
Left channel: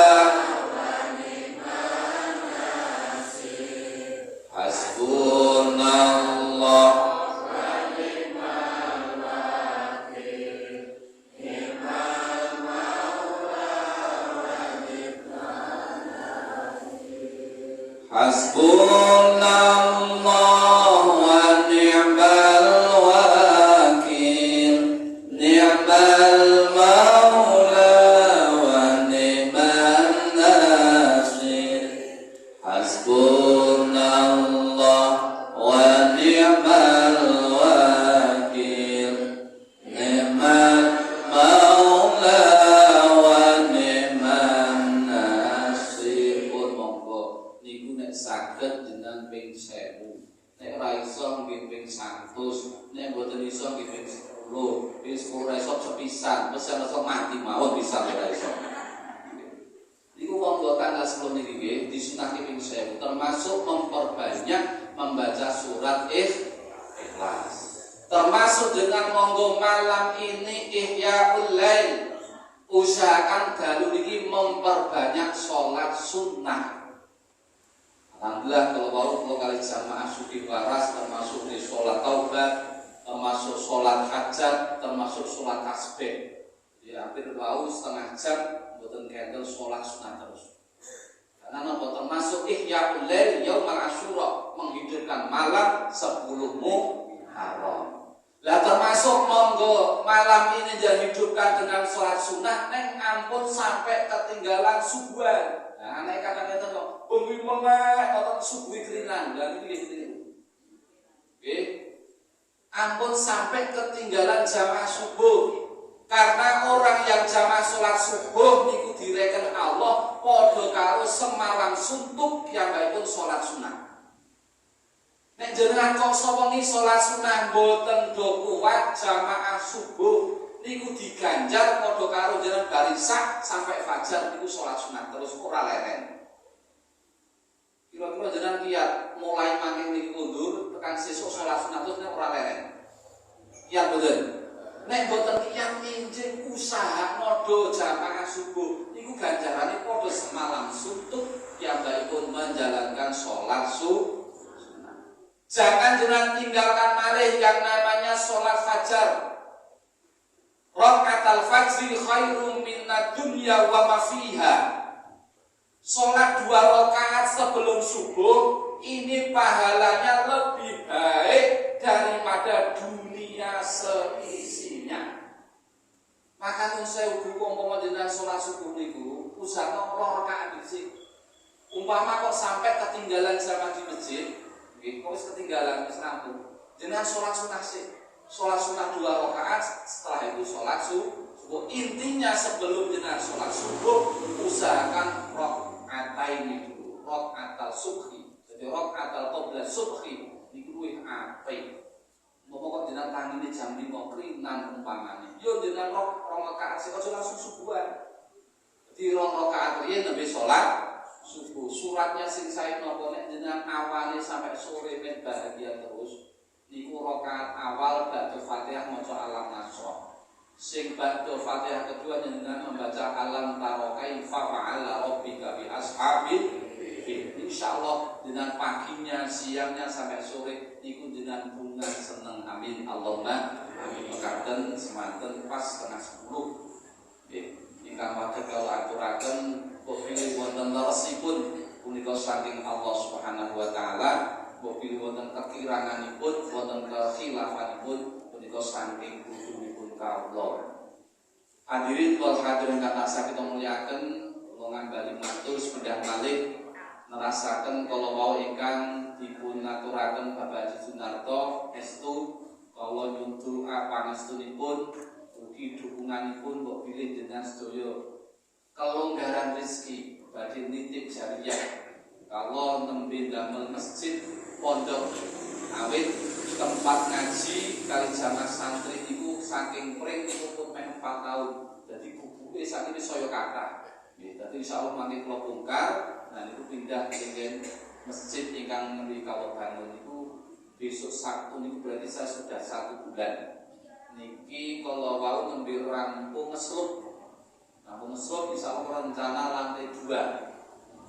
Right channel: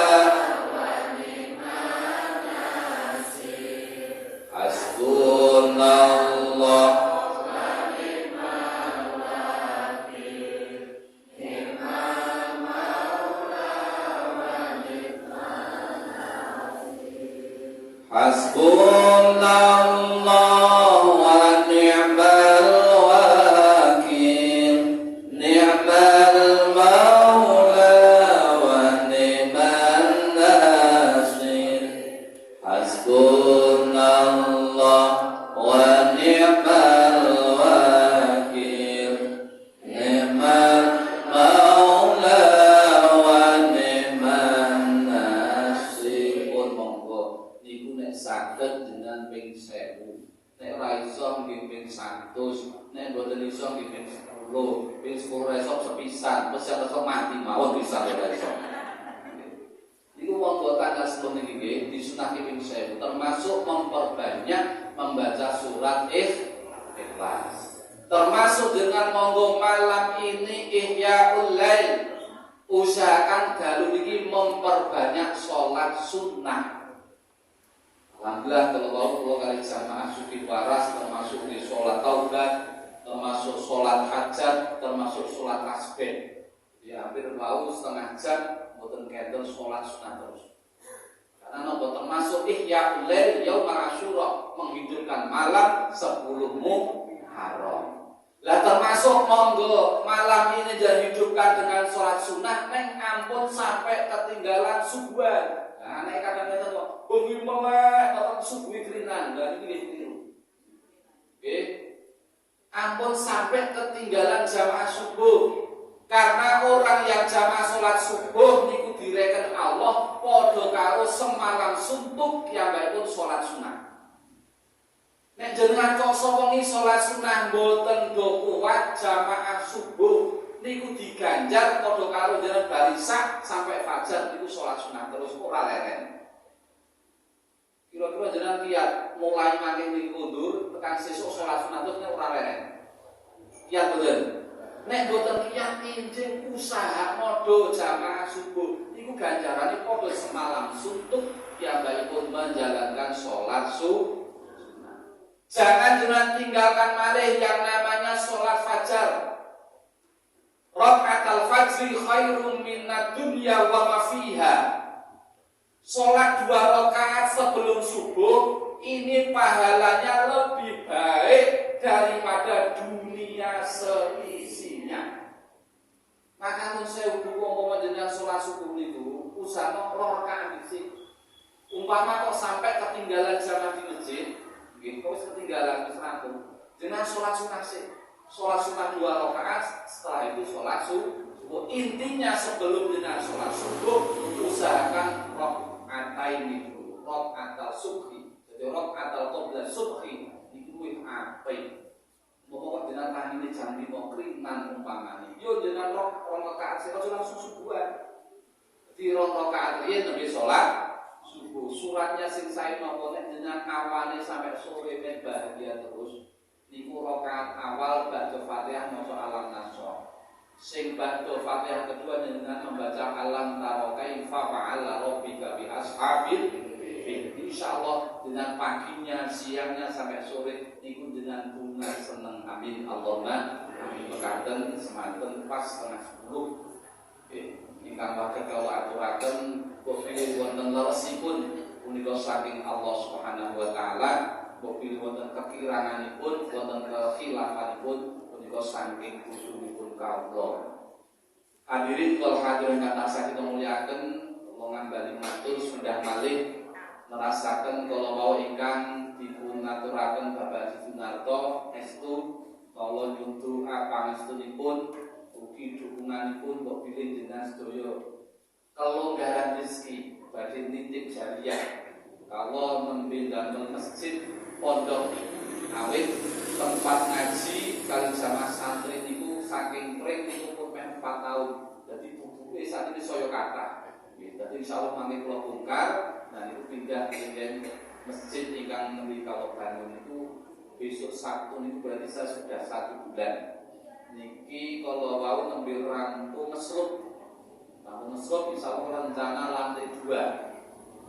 wa ni'mal nasir. Hasbunallah wa ni'mal wakil, ni'mal maula wa ni'mal nasir. Hasbunallah wa ni'mal wakil, ni'mal maula wa ni'mal nasir. Hasbunallah wa ni'mal wakil, ni'mal maula wa ni'mal nasir. Pun monggo niku nek saged jenengan ping 1000. Nek ora iso nggih ping 100, nek mboten iso nggih ping 10. Ping 10 ora iso sepisan, pesen iso mati mawon bisa ora iso. Niku wong tanggal 10 niki nggih disunahke ping 1000, termasuk memperbanyak membaca surat Ikhlas. Termasuk dengan monggo malam ini Ihyaul Lail. Usahakan dalu niki memperbanyak sholat sunnah. Alhamdulillah kalau kali jamaah suki waras, termasuk di sholat taubat, termasuk sholat hajat, termasuk sholat tasbih. Ya hampir bau setengah jam mboten kenten sholat sunnah terus. Karena nopo termasuk Ihyaul Lail Yaumul Asyura, menghidupkan malam 10 Muharram. Lah termasuk monggo malam ini jangan hidupkan dengan sholat sunnah, neng ampun sampai ketinggalan subuhan. Nah, nek kadang-kadang kok bengi melek atau subuh kerinan, dan ini keliru. Ampun sampai ketinggalan jamaah subuh. Karena orang yang jamaah sholat subuh niku direken Allah padha karo semalam suntuk piyambakipun sholat sunnah. Nek jenengan kok wengi sholat sunnah mboten do kuat jamaah subuh niku diganjar padha karo jenengan barisak sampai fajar niku sholat sunnah terus ora leren. Kira-kira jenengan lihat mulai makin niku mundur tekan sesuk sholat sunnah terus nek ora leren. Kiat mboten. Nek mboten kiat injing usaha modho jamaah subuh niku ganjarane padha semalam suntuk piyambakipun menjalankan sholat subuh. Jangan jangan tinggalkan malih yang namanya sholat fajar. Rakaat raka'atal fajri khairum minad dunya wa ma fiha. Salat 2 rakaat sebelum subuh ini pahalanya lebih baik daripada dunia seisinya. Maka nun saya umpama jenengan salat subuh niku usaha 2 rakaat dhisik. Umpama kok sampai ketinggalan jamaah di masjid, nggih kok wis ketinggalan wis rampung. Jenengan salat sunah sih. Salat sunah 2 rakaat, setelah itu salat subuh. Intinya sebelum jenengan salat subuh usahakan rakaatain dulu, rakaatal subhi. Jadi rakaatal qabla subhi niku kuwi apik. Moga jenengan tangine jam 5 krinan umpamane. Yo jenengan 2 rakaat sing salat subuhan. Di 2 rakaat riyen nembe salat subuh. Suratnya sing sae napa nek jenengan awale sampai sore men bahagia terus. Niku rakaat awal ba'da Fatihah maca alam nasr. Sing ba'da Fatihah kedua jenengan membaca alam tara kaifa fa'ala rabbika bi ashabil fil. Insyaallah dengan paginya, siangnya sampai sore niku jenengan bunga seneng. Amin. Allahumma amin. Mekaten semanten pas 9:30. Nggih. Ingkang pada kalau aturaken kok pilih wonten leresipun punika saking Allah Subhanahu wa taala. Bobi wonten kekiranganipun, wonten kekhilafanipun, punika saking kusumipun kawula. Hadirin wal hadirin kata kita muliaken, kula ngambali matur sependhah malih nerasaken kala wau ingkang dipun aturaken Bapak Haji Sunarto estu kala nyuntu pangestunipun ugi dukunganipun mbok bilih jenengan sedaya kelonggaran rezeki badhe nitip jariah. Kalau nembe damel masjid pondok awit tempat ngaji kali jamaah santri niku saking pring niku pun 4 tahun. Jadi bubuke sakniki saya kathah. Nggih, dadi insyaallah mangke kula bongkar nah niku pindah ke masjid ingkang nembe kawula bangun niku besok Sabtu niku berarti saya sudah 1 bulan. Niki kalau wau nembe rampung ngeslup. Rampung ngeslup insyaallah rencana lantai 2.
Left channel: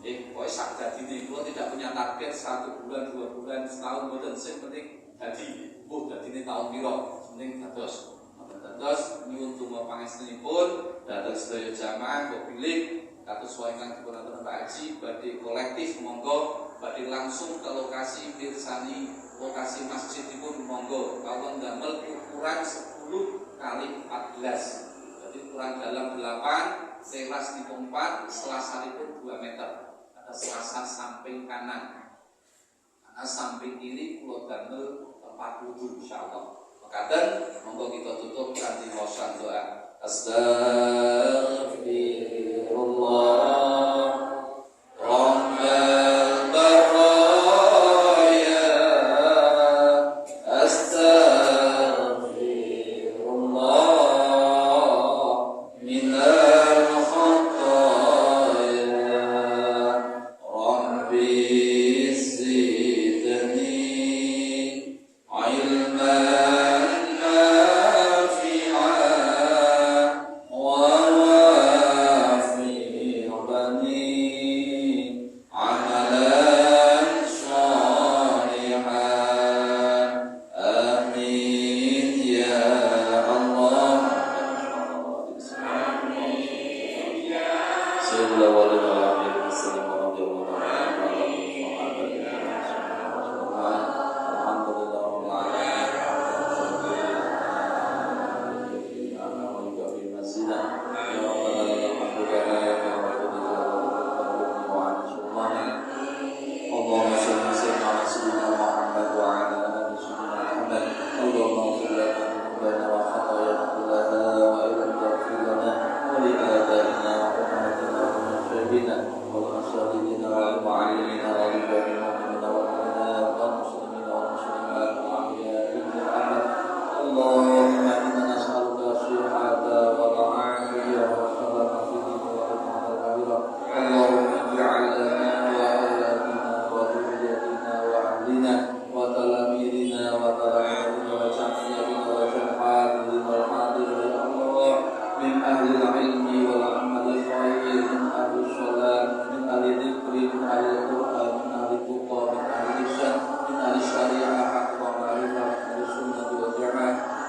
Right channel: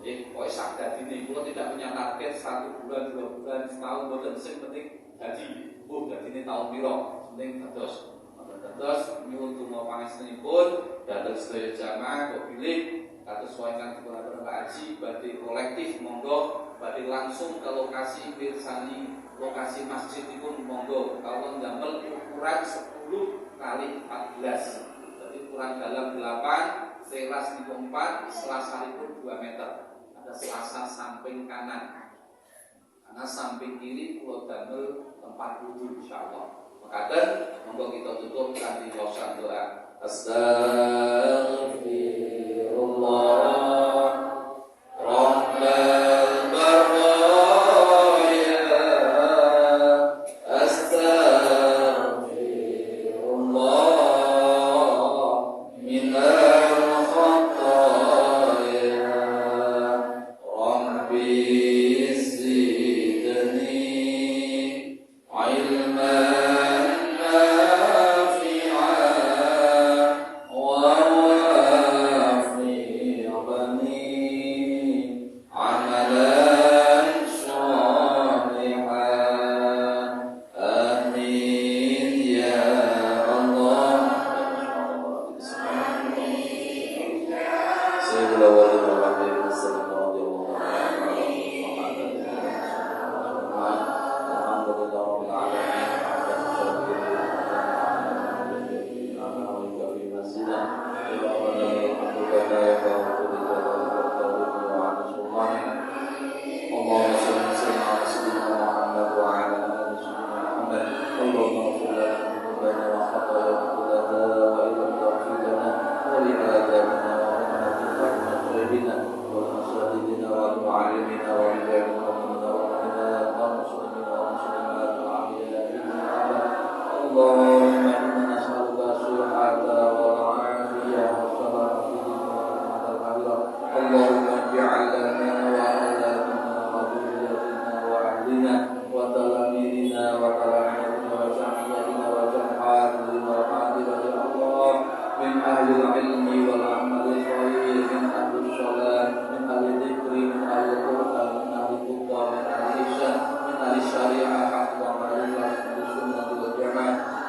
Pokoknya sak dadi kula tidak punya target 1 bulan, 2 bulan, setahun boten sing penting dadi. Dadine tahun pira? Penting dados. Dados nyuwun donga pangestunipun dhateng sedaya jamaah kok pilih kados wae kang dipun aturaken Pak Haji badhe kolektif monggo badhe langsung ke lokasi mirsani lokasi masjidipun monggo kawula ndamel ukuran 10 kali 14. Jadi ukuran dalam 8, teras niku 4, selasaripun 2 meter. Selasa samping kanan, karena samping kiri kula damel tempat wudu insyaallah. Makaten monggo kita tutup kanthi maca doa. Astaghfirullah Rabbal baraya astaghfirullah minal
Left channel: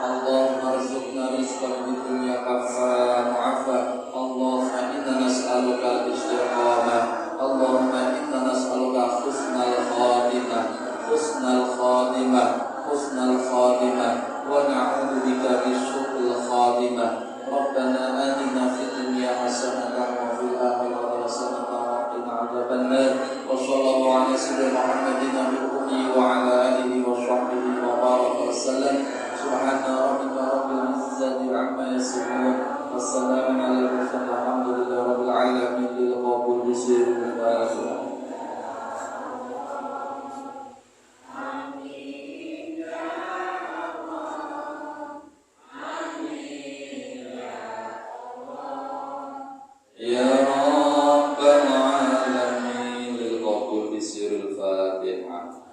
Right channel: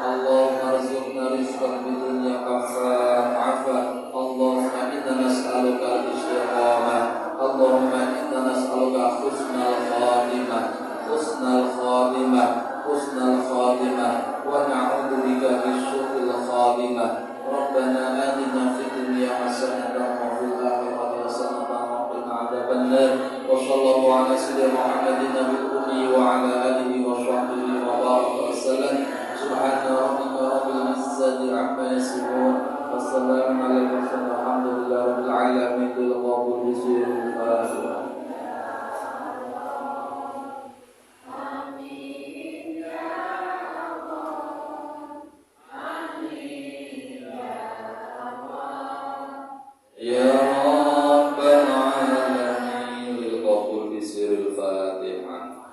Allahumma rizqna rizqan fid dunya سيدنا محمد النبي الأمي وعلى آله وصحبه وبارك وسلم سبحان ربك رب العزة عما يصفون والسلام على المرسلين الحمد لله رب العالمين للقبول بسير الفاتحة. Ya Rabbal Alamin lil qabul bi sirril Fatihah.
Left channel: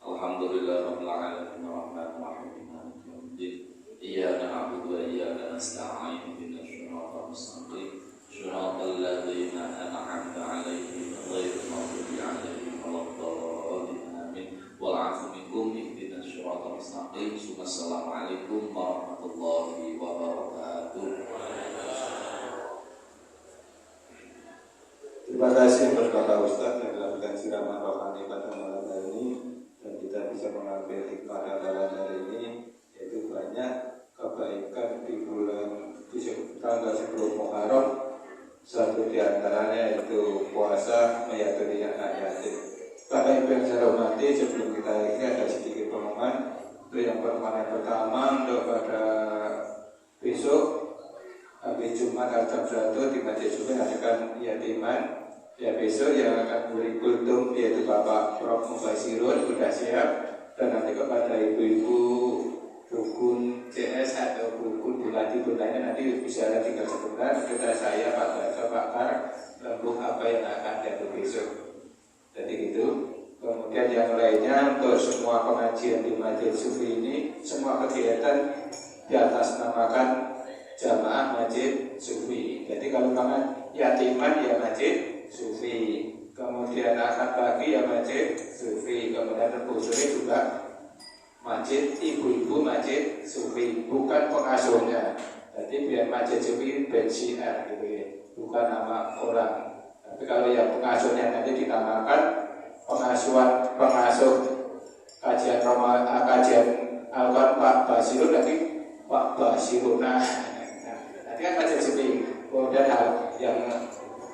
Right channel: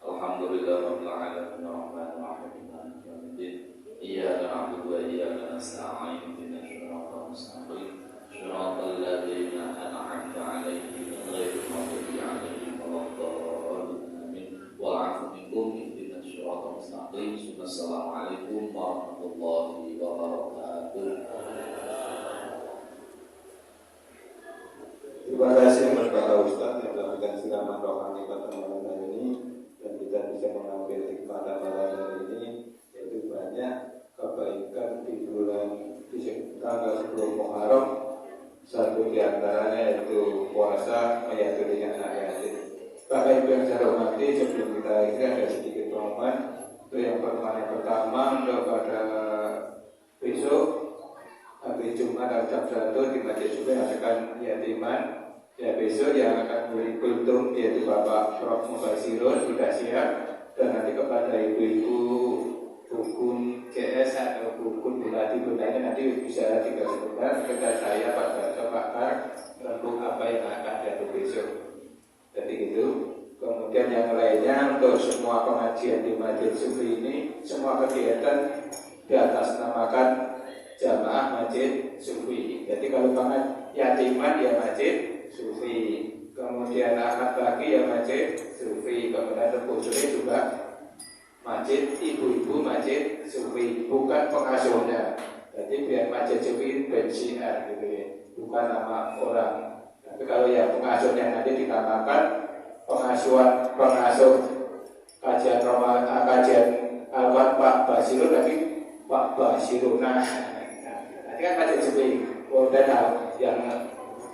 Alhamdulillahirabbil alamin arrahmanir rahim maliki yaumiddin. Iyyaka na'budu wa iyyaka nasta'in ihdinas siratal mustaqim siratal ladzina an'amta 'alaihim ghairil maghdubi 'alaihim waladdallin amin. Wal 'afwu minkum ihdinas siratal mustaqim. Assalamualaikum warahmatullahi wabarakatuh. Terima kasih kepada Ustaz yang melakukan siraman rohani pada malam hari ini, dan kita bisa mengambil hikmah pada malam hari ini, yaitu banyak kebaikan di bulan tanggal 10 Muharram. Satu di antaranya yaitu puasa menyaturi anak yatim. Pada yang saya hormati, sebelum kita akhiri ada sedikit pengumuman. Itu yang pertama kepada besok hari Jumat jam 1 di Masjid Sufi akan yatiman. Ya, besok yang akan memberi kultum yaitu Bapak Prof. Mubasirun sudah siap, dan nanti kepada ibu-ibu rukun CS atau rukun bulati bundanya nanti bisa tinggal sebentar kepada saya Pak Baca Pakar lembuk apa yang akan jatuh besok. Jadi gitu. Kemudian yang lainnya untuk semua pengajian di Masjid Sufi ini, semua kegiatan di atas namakan Jamaah Masjid Sufi. Jadi kalau yatiman ya Masjid Sufi, kemudian anak pagi ya Masjid Sufi, kemudian Rebu sore juga Masjid ibu-ibu Masjid Sufi, bukan pengasuhnya. Jadi biar Masjid Sufi bensiar gitu ya, bukan nama orang. Tapi kalau yang pengasuhnya nanti dinamakan pengasuh kajian Al-Quran Pak Basirun, lagi Pak Basirun. Nah, nanti kan Masjid Sufi. Kemudian yang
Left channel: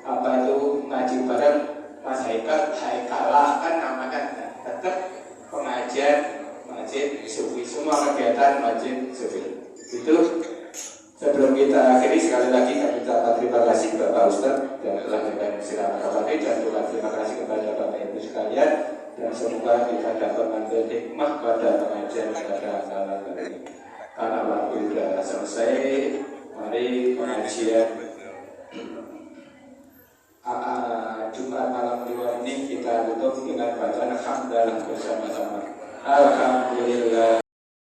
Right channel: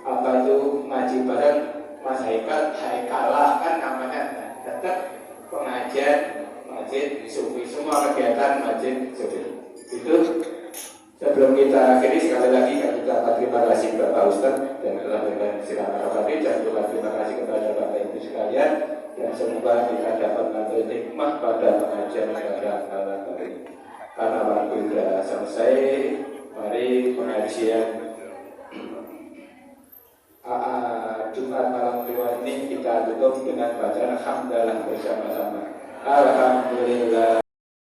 apa itu ngaji bareng Mas Haikala kan namanya, tetap pengajian Masjid Sufi, semua kegiatan Masjid Sufi. Itu sebelum kita akhiri, sekali lagi kami ucapkan terima kasih kepada Ustaz dan telah memberikan siraman rohani, dan juga terima kasih kepada Bapak Ibu sekalian, dan semoga kita dapat mengambil hikmah pada pengajian pada malam ini. Karena waktu sudah selesai, mari pengajian Jumat malam Kliwon ini kita tutup dengan bacaan hamdalah bersama-sama. Alhamdulillah.